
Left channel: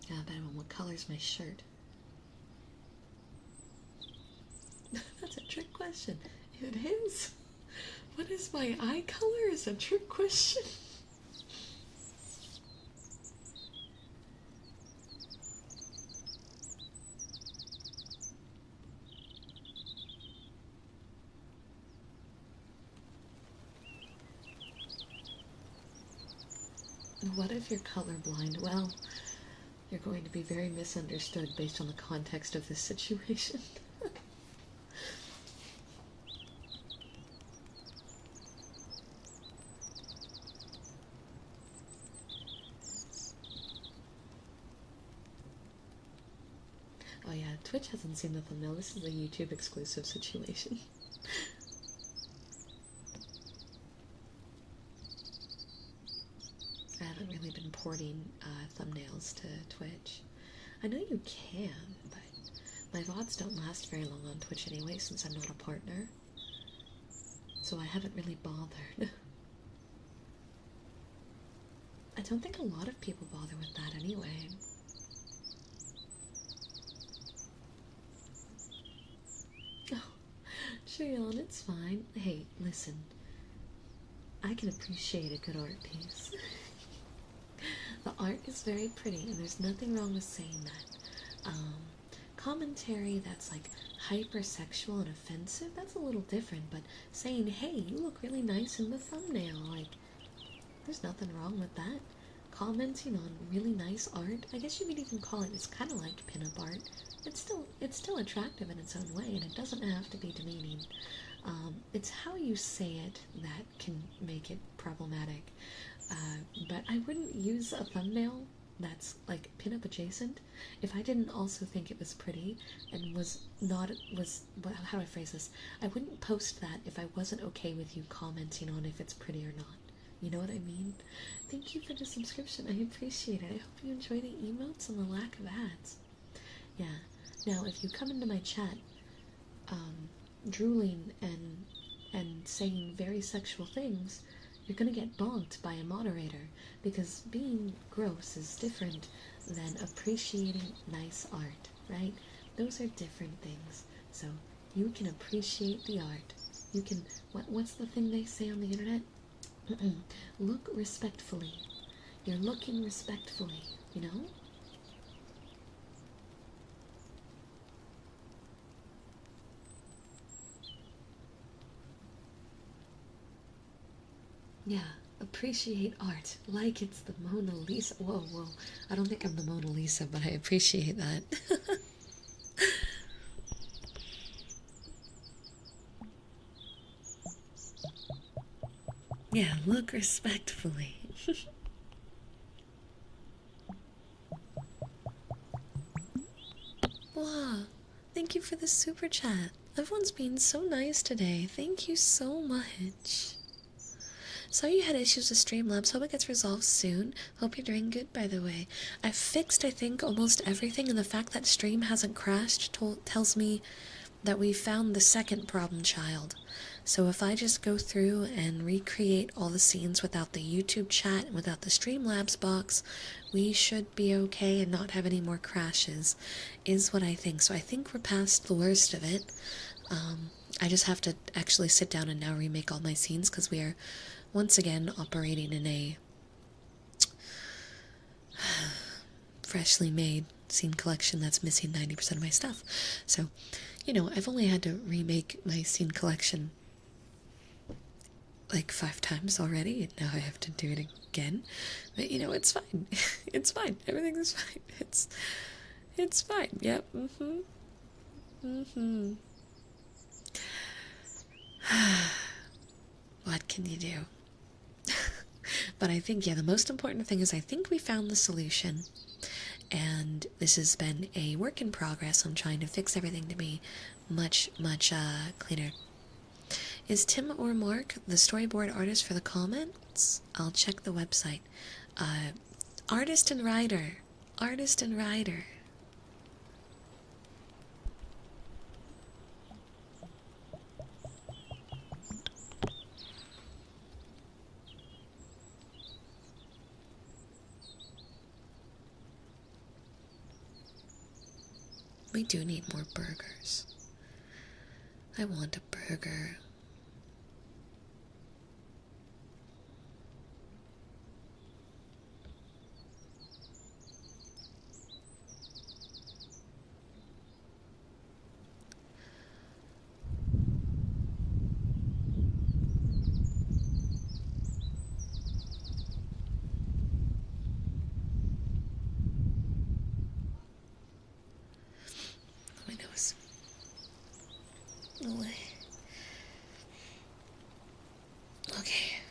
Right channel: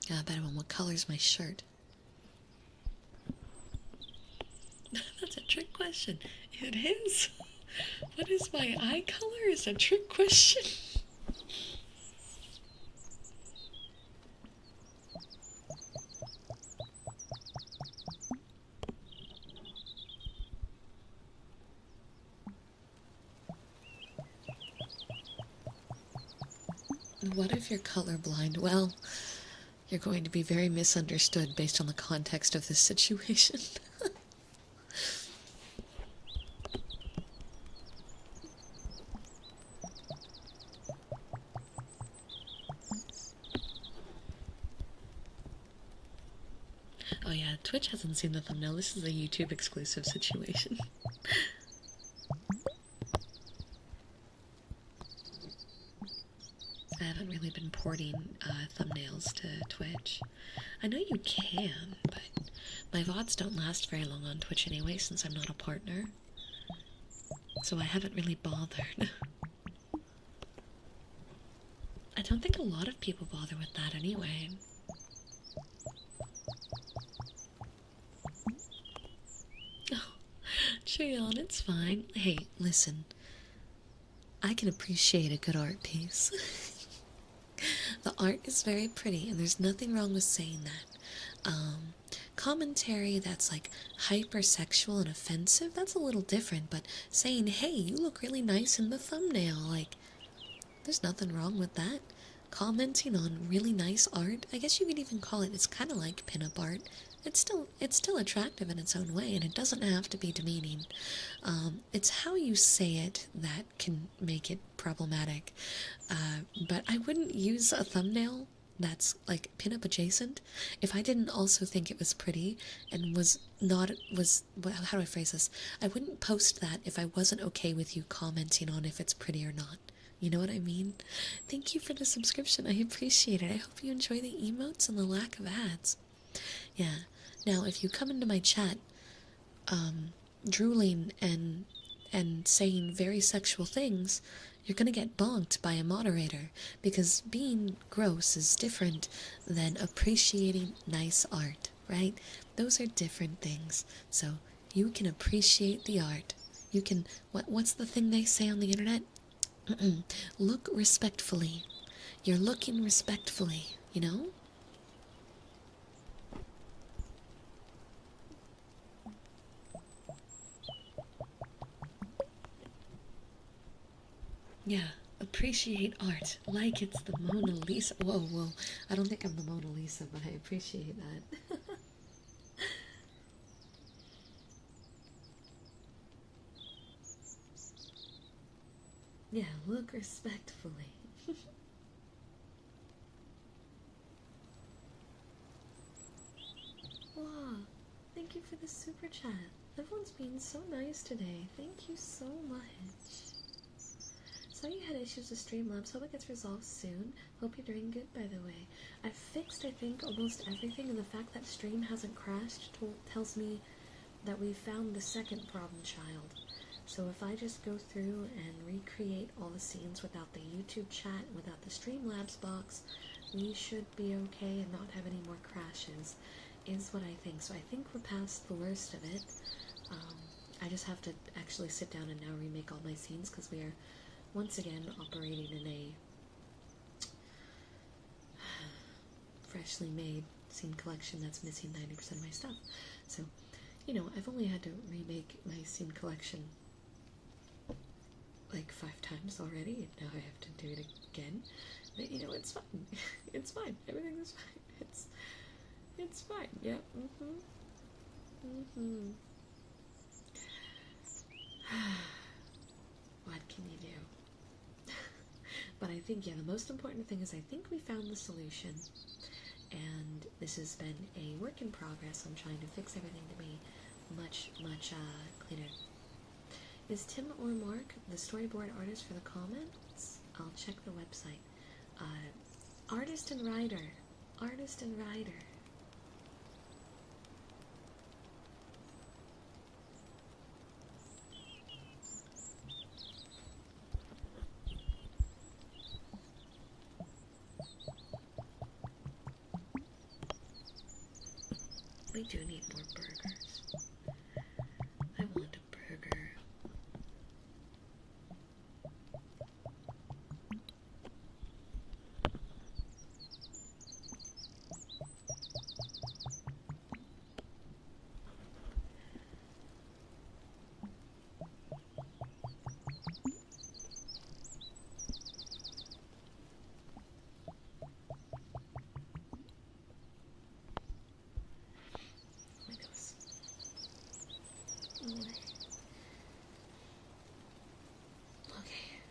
Yeah, I bet him, what color's my shirt? That's a trick question. It is. What is my eye color is a trick question. What if you're colorblind? Well, you're going to be very misunderstood based on the context of this situation. Oh yeah, Twitch hasn't seen the thumbnail. This is a YouTube exclusive situation. I haven't really been porting thumbnails to Twitch. I know you can, but my VODs don't last very long on Twitch anyway since I'm not a partner. So I haven't really bothered. I don't think a lot of people bother with that anyway. Oh, Treon, it's fine. Hey, listen. I can appreciate a good art piece. The art is very pretty, and there's nothing wrong with saying that. Commentary that's like hypersexual and offensive, that's a little different, but saying, hey, you look really nice in the thumbnail, like, there's nothing wrong with that. Commenting on really nice art, I guess you could even call it, it's kind of like pinup art. It's still attractive in its own way, and it doesn't have to be demeaning. It's how you say it that can make it problematic. But I wouldn't use a thumbnail that's like pinup adjacent if I didn't also think it was pretty and how do I phrase this? I wouldn't post that if I wasn't okay with you commenting on if it's pretty or not. You know what I mean? Thank you for the subscription. I appreciate it. I hope you enjoy the emotes and the lack of ads. Yeah. Now, if you come into my chat, drooling and saying very sexual things, you're gonna get bonked by a moderator, because being gross is different than appreciating nice art, right? Those are different things. So you can appreciate the art. You can, what's the thing they say on the internet? Look respectfully. You're looking respectfully, you know? Yeah, appreciate art like it's the Mona Lisa. Whoa, I don't think I'm the Mona Lisa, but I appreciate that. Yeah, look respectfully. Wow, thank you for the super chat. Everyone's being so nice today. Thank you so much. Sorry you had issues with Streamlabs. Hope it gets resolved soon. Hope you're doing good, by the way. I've fixed, I think, almost everything, and the fact that stream hasn't crashed tells me that we found the second problem child. So if I just go through and recreate all the scenes without the YouTube chat and without the Streamlabs box, we should be okay and not have any more crashes, is what I think. So I think we're past the worst of it. I just have to actually sit down and now remake all my scenes because we are once again operating in a freshly made scene collection that's missing 90% of my stuff. So, you know, I've only had to remake my scene collection like 5 times already, and now I have to do it again. But, you know, it's fine. It's fine. Everything is fine. It's fine. Yep. What can you do? But I think, yeah, the most important thing is I think we found the solution. And this has been a work in progress on trying to fix everything to be much cleaner. Is Tim or Mark the storyboard artist for the comments? I'll check the website. Artist and writer. Artist and writer. We do need more burgers. I want a burger. My nose. Oh, okay.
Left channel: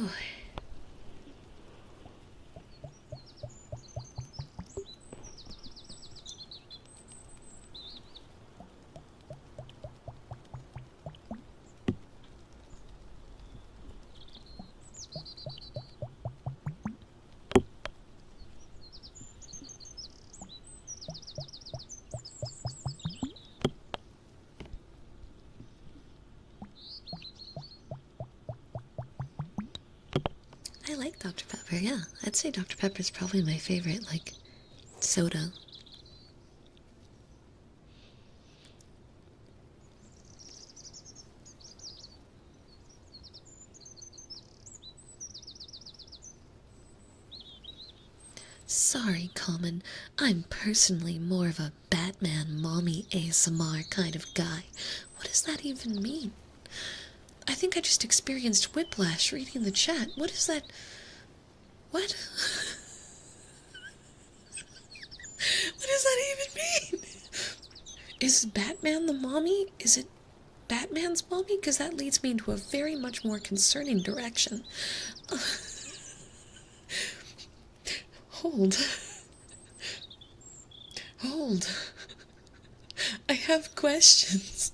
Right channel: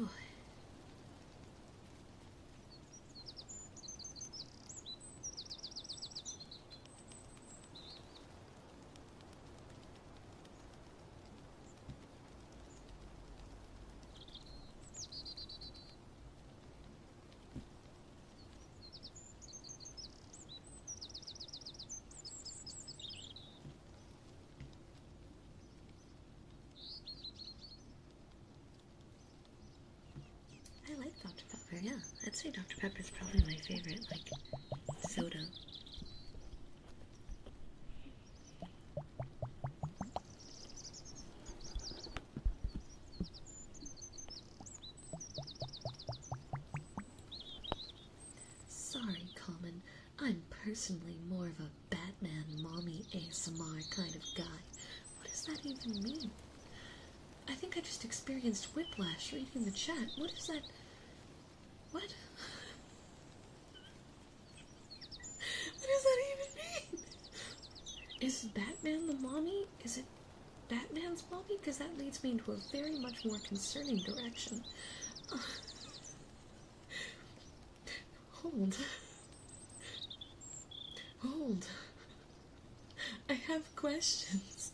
Oh. I like Dr. Pepper, yeah. I'd say Dr. Pepper is probably my favorite, like, soda. Sorry, Common. I'm personally more of a Batman mommy ASMR kind of guy. What does that even mean? I think I just experienced whiplash reading the chat. What is that? What? What does that even mean? Is Batman the mommy? Is it Batman's mommy? Because that leads me into a very much more concerning direction. Hold. Hold. I have questions.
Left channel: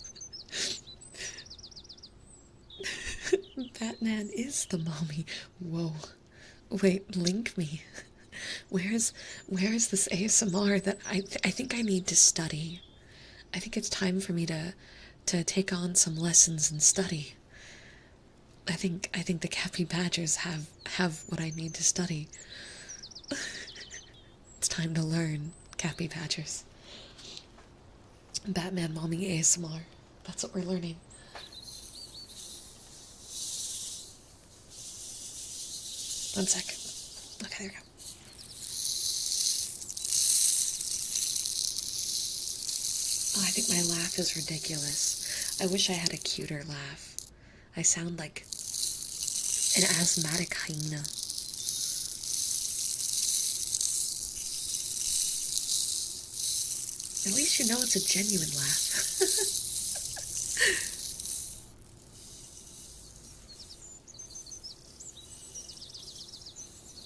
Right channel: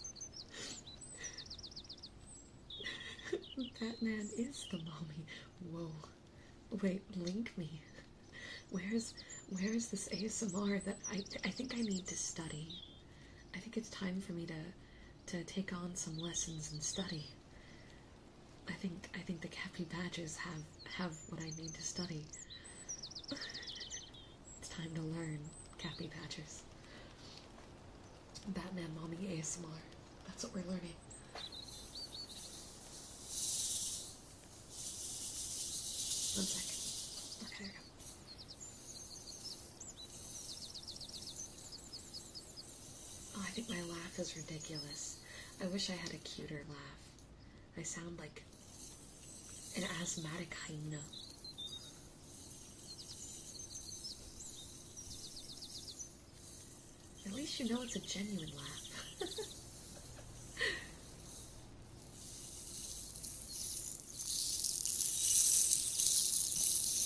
Batman is the mommy. Whoa. Wait, link me. Where's this ASMR that I think I need to study? I think it's time for me to take on some lessons and study. I think the Cappy Badgers have what I need to study. It's time to learn, Cappy Badgers. Batman mommy ASMR. That's what we're learning. One sec. Okay, there we go. Oh, I think my laugh is ridiculous. I wish I had a cuter laugh. I sound like an asthmatic hyena. At least you know it's a genuine laugh.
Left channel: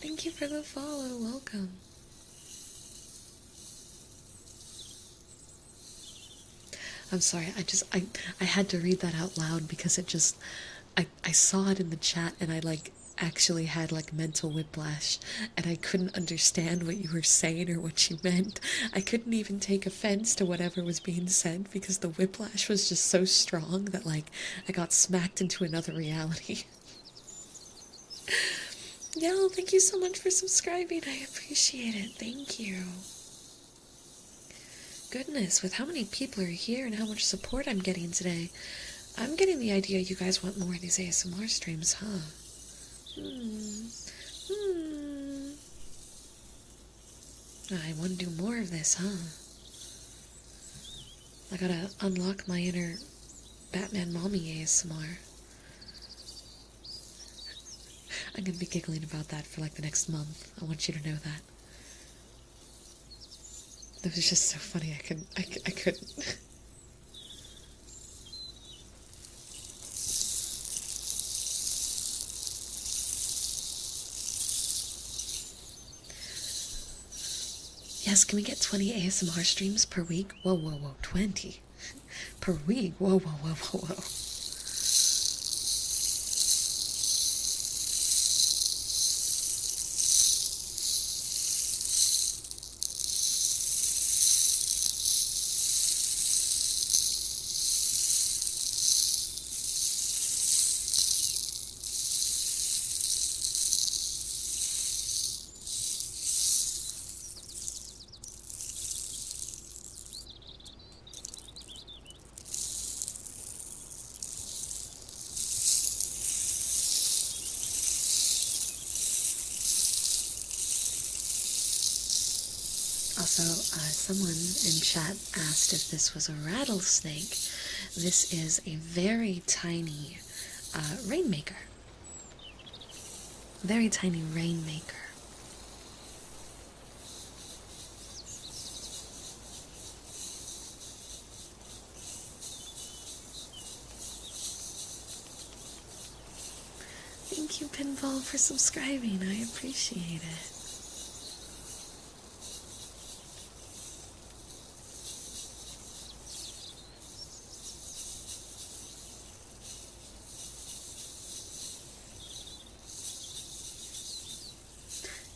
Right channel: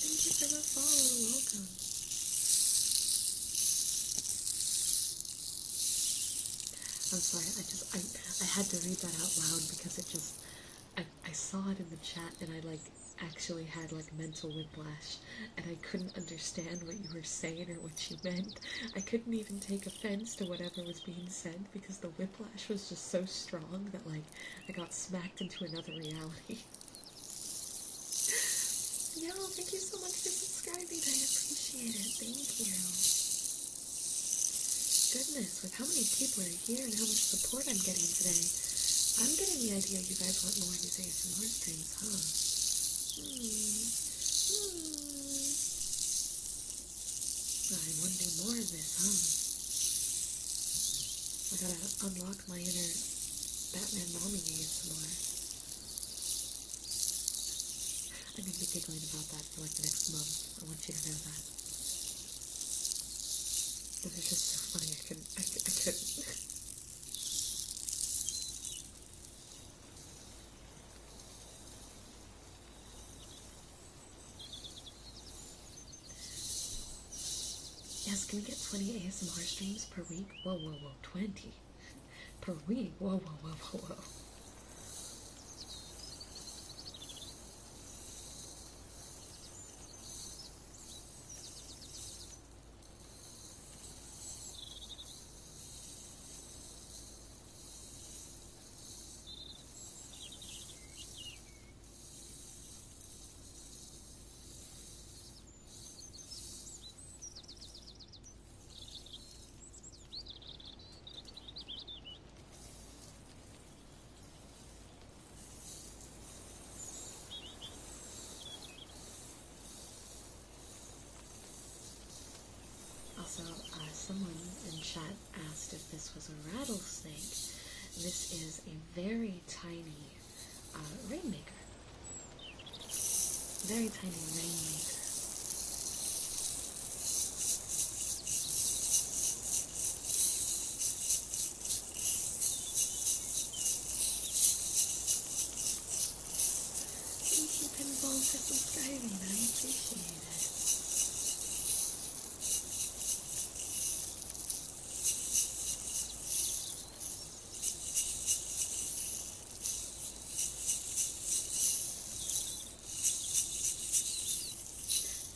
Thank you for the follow. Welcome. I'm sorry, I had to read that out loud because it just, I saw it in the chat and I like actually had like mental whiplash and I couldn't understand what you were saying or what you meant. I couldn't even take offense to whatever was being said because the whiplash was just so strong that like I got smacked into another reality. Yo, thank you so much for subscribing. I appreciate it. Thank you. goodness, with how many people are here and how much support I'm getting today, I'm getting the idea you guys want more of these ASMR streams, huh? I want to do more of this, huh? I gotta unlock my inner Batman mommy ASMR. I'm gonna be giggling about that for like the next month. I want you to know that. It was just so funny. I couldn't. Yes, can we get 20 ASMR streams per week? Whoa, 20 per week. Whoa. Also, someone in chat asked if this was a rattlesnake. This is a very tiny rainmaker. Very tiny rainmaker. Thank you, Pinball, for subscribing. I appreciate it.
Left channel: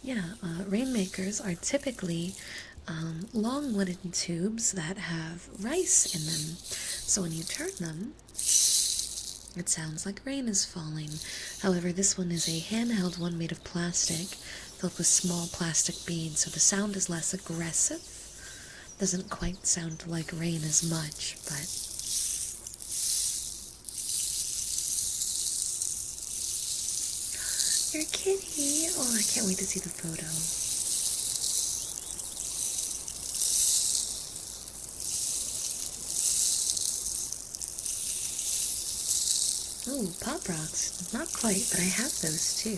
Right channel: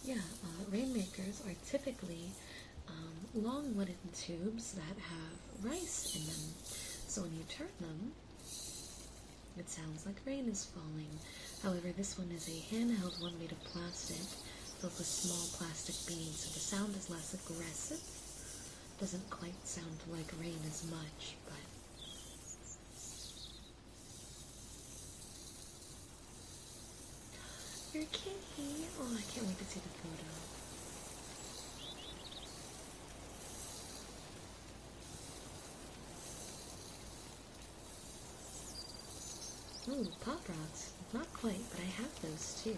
Yeah, rainmakers are typically long wooden tubes that have rice in them. So when you turn them, it sounds like rain is falling. However, this one is a handheld one made of plastic, filled with small plastic beads, so the sound is less aggressive. Doesn't quite sound like rain as much, but your kitty. Oh, I can't wait to see the photo. Oh, Pop Rocks. Not quite, but I have those too.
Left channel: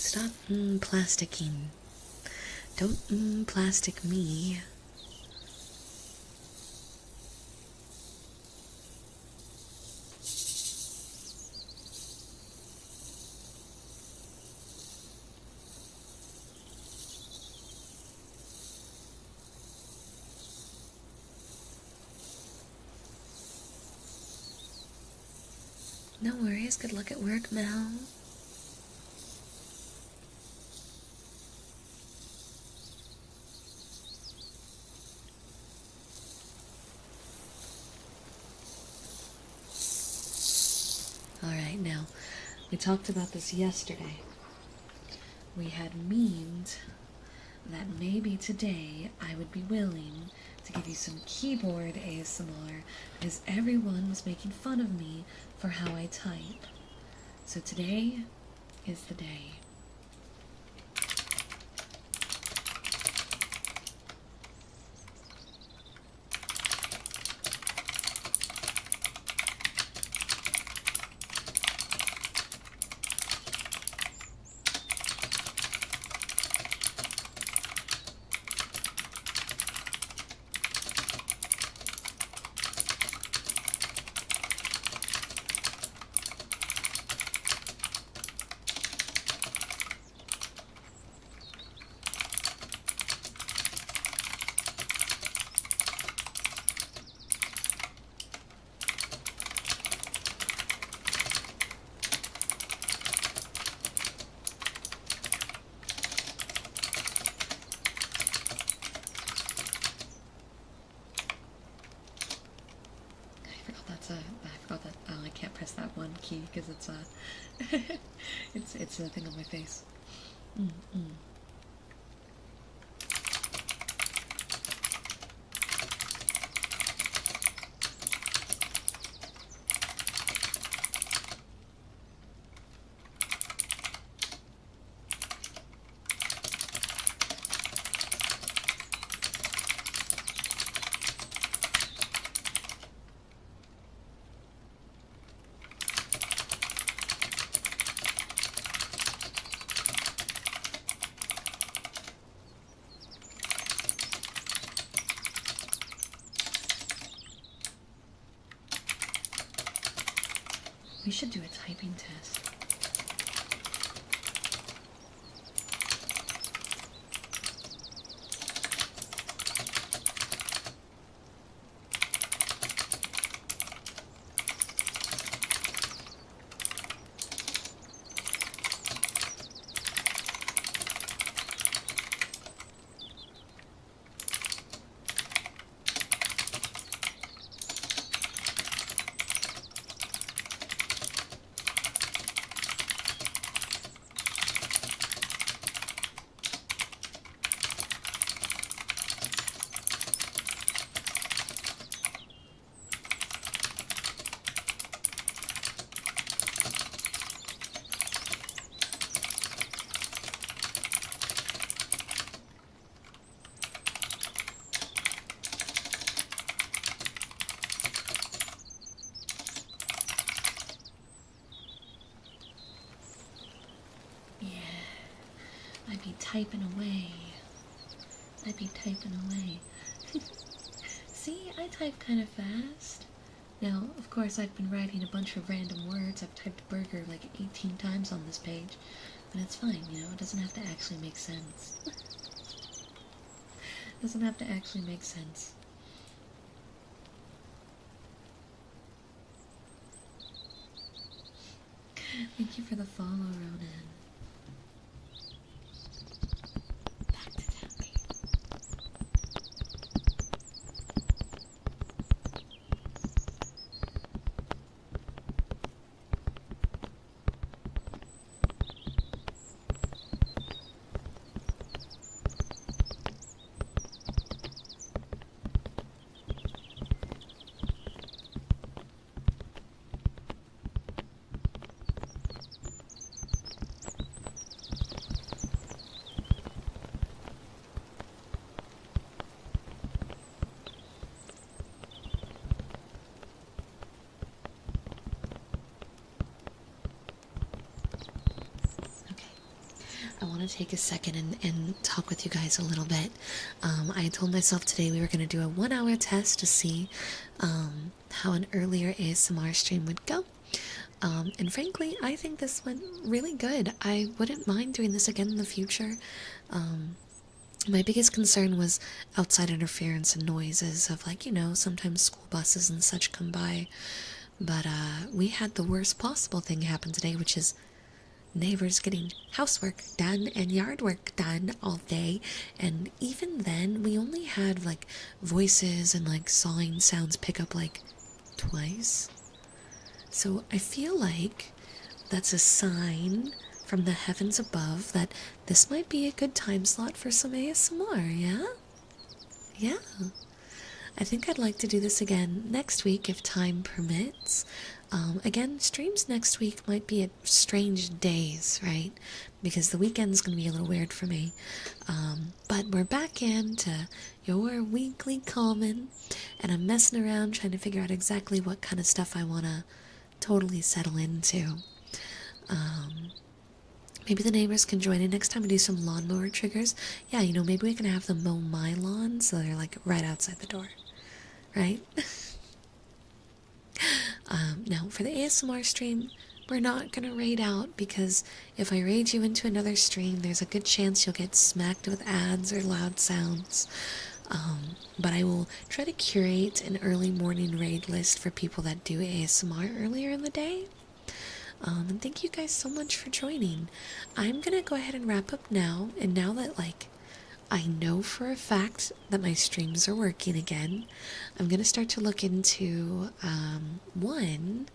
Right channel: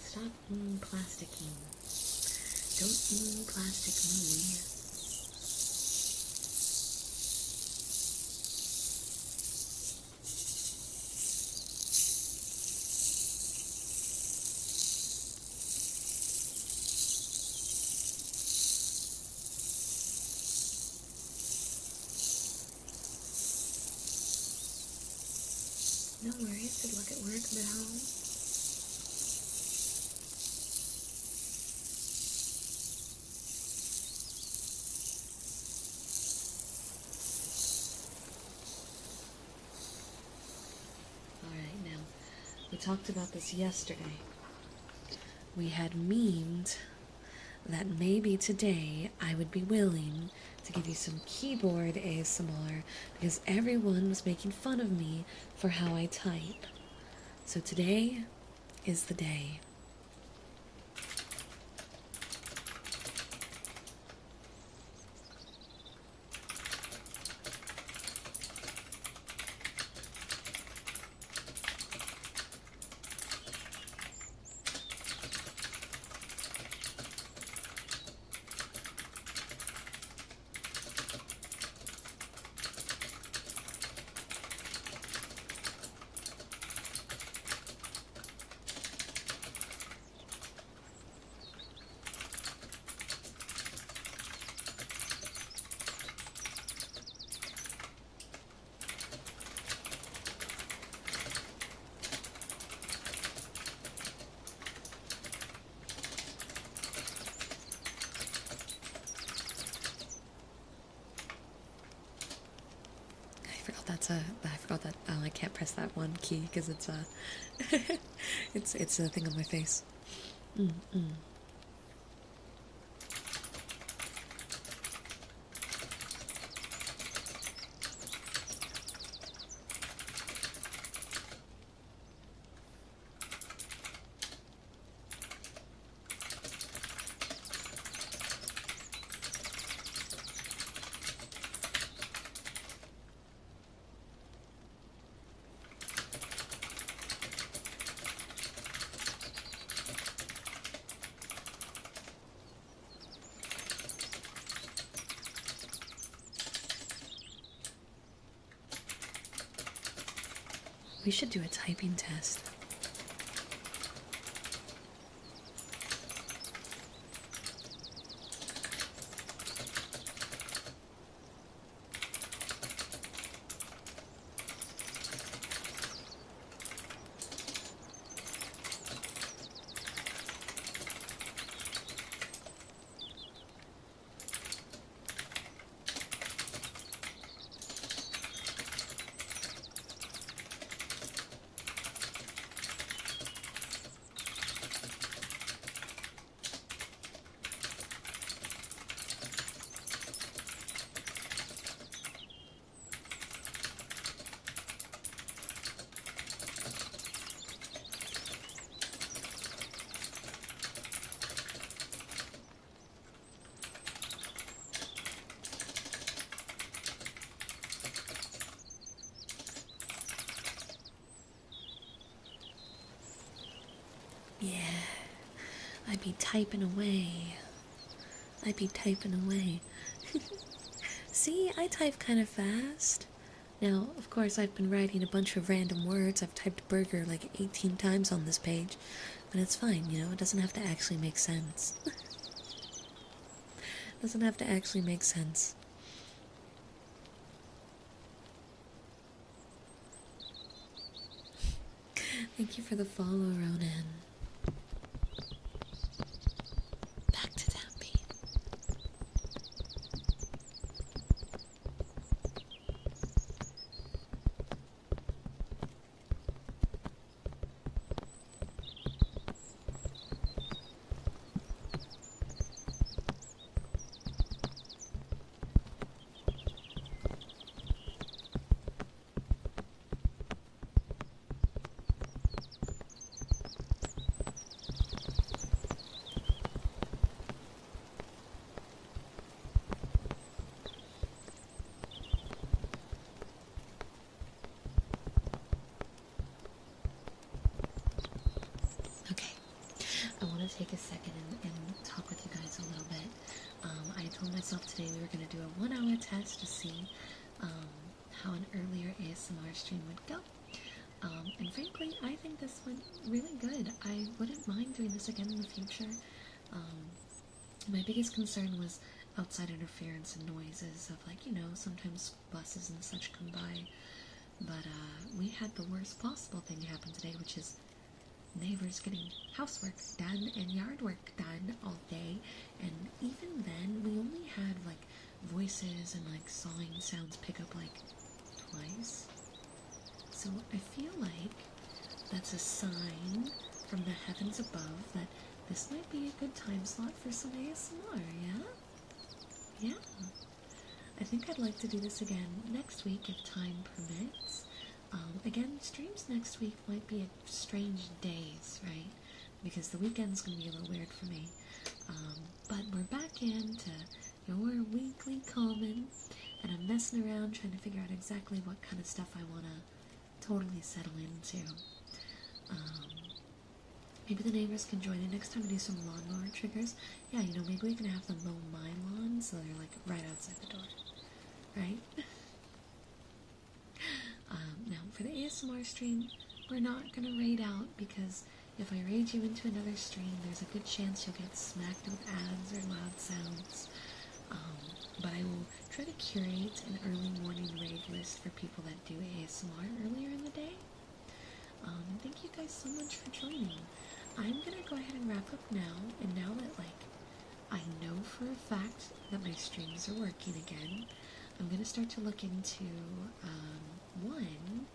Stop plasticking. Don't plastic me. No worries. Good luck at work, Mel. Alright, now, we talked about this yesterday. We had memed that maybe today I would be willing to give you some keyboard ASMR because everyone was making fun of me for how I type. So today is the day. That's a, I forgot that, oh, I can't press that one key because it's a, it's a thing on my face. We should do a typing test. Yeah, I'd be typing away. I'd be typing away. See, I type kind of fast. Now, of course, I've been writing a bunch of random words. I've typed burger like 18 times on this page. But it's fine, you know, it doesn't have to actually make sense. It doesn't have to actually make sense. Thank you for the follow, Ronan. Back to Tempe. I want to take a second and talk with you guys a little bit. I told myself today we were going to do a 1-hour test to see how an earlier ASMR stream would go. And frankly, I think this went really good. I wouldn't mind doing this again in the future. My biggest concern was outside interference and noises of, like, you know, sometimes school buses and such come by. But we had the worst possible thing happen today, which is neighbors getting housework done and yard work done all day. And even then, we only had like voices and like sawing sounds pick up like twice. So I feel like that's a sign from the heavens above that this might be a good time slot for some ASMR, yeah? Yeah. I think I'd like to do this again next week if time permits. Again, streams next week might be at strange days, right? Because the weekend's going to be a little weird for me. But we're back into your weekly common, and I'm messing around trying to figure out exactly what kind of stuff I want to totally settle into. Maybe the neighbors can join in next time and do some lawnmower triggers. Yeah, you know, maybe we can have them mow my lawn so they're like right outside the door, right? Now, for the ASMR stream, we're not going to raid out because if I raid you into another stream, there's a good chance you'll get smacked with ads or loud sounds. But I will try to curate an early morning raid list for people that do ASMR earlier in the day. And thank you guys so much for joining. I'm going to go ahead and wrap up now, and now that, like, I know for a fact that my streams are working again, I'm going to start to look into one,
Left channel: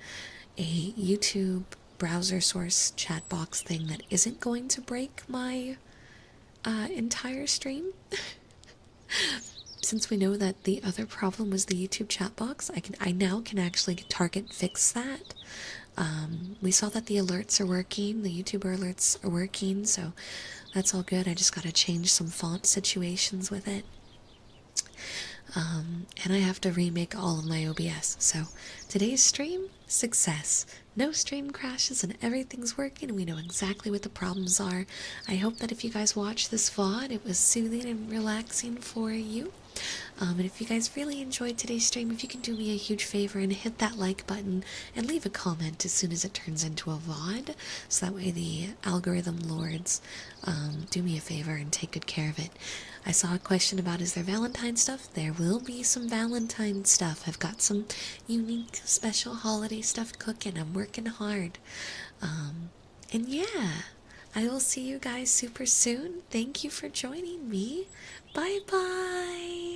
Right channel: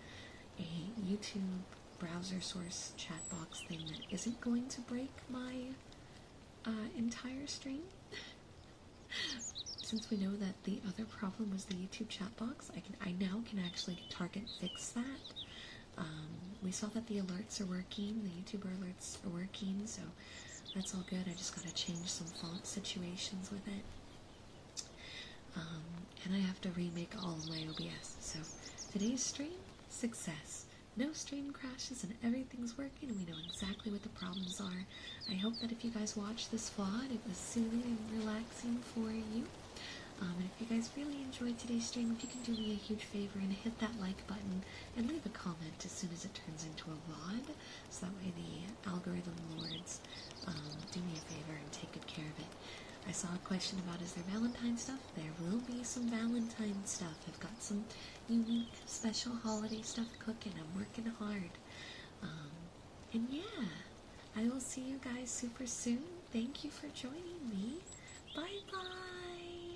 a YouTube browser source chat box thing that isn't going to break my entire stream. Since we know that the other problem was the YouTube chat box, I now can actually target fix that. We saw that the alerts are working, the YouTuber alerts are working, so that's all good. I just gotta change some font situations with it. And I have to remake all of my OBS. So today's stream, success. No stream crashes and everything's working and we know exactly what the problems are. I hope that if you guys watch this VOD, it was soothing and relaxing for you. And if you guys really enjoyed today's stream, if you can do me a huge favor and hit that like button and leave a comment as soon as it turns into a VOD, so that way the algorithm lords do me a favor and take good care of it. I saw a question about is there Valentine stuff? There will be some Valentine stuff. I've got some unique special holiday stuff cooking. I'm working hard. And yeah, I will see you guys super soon. Thank you for joining me. Bye bye.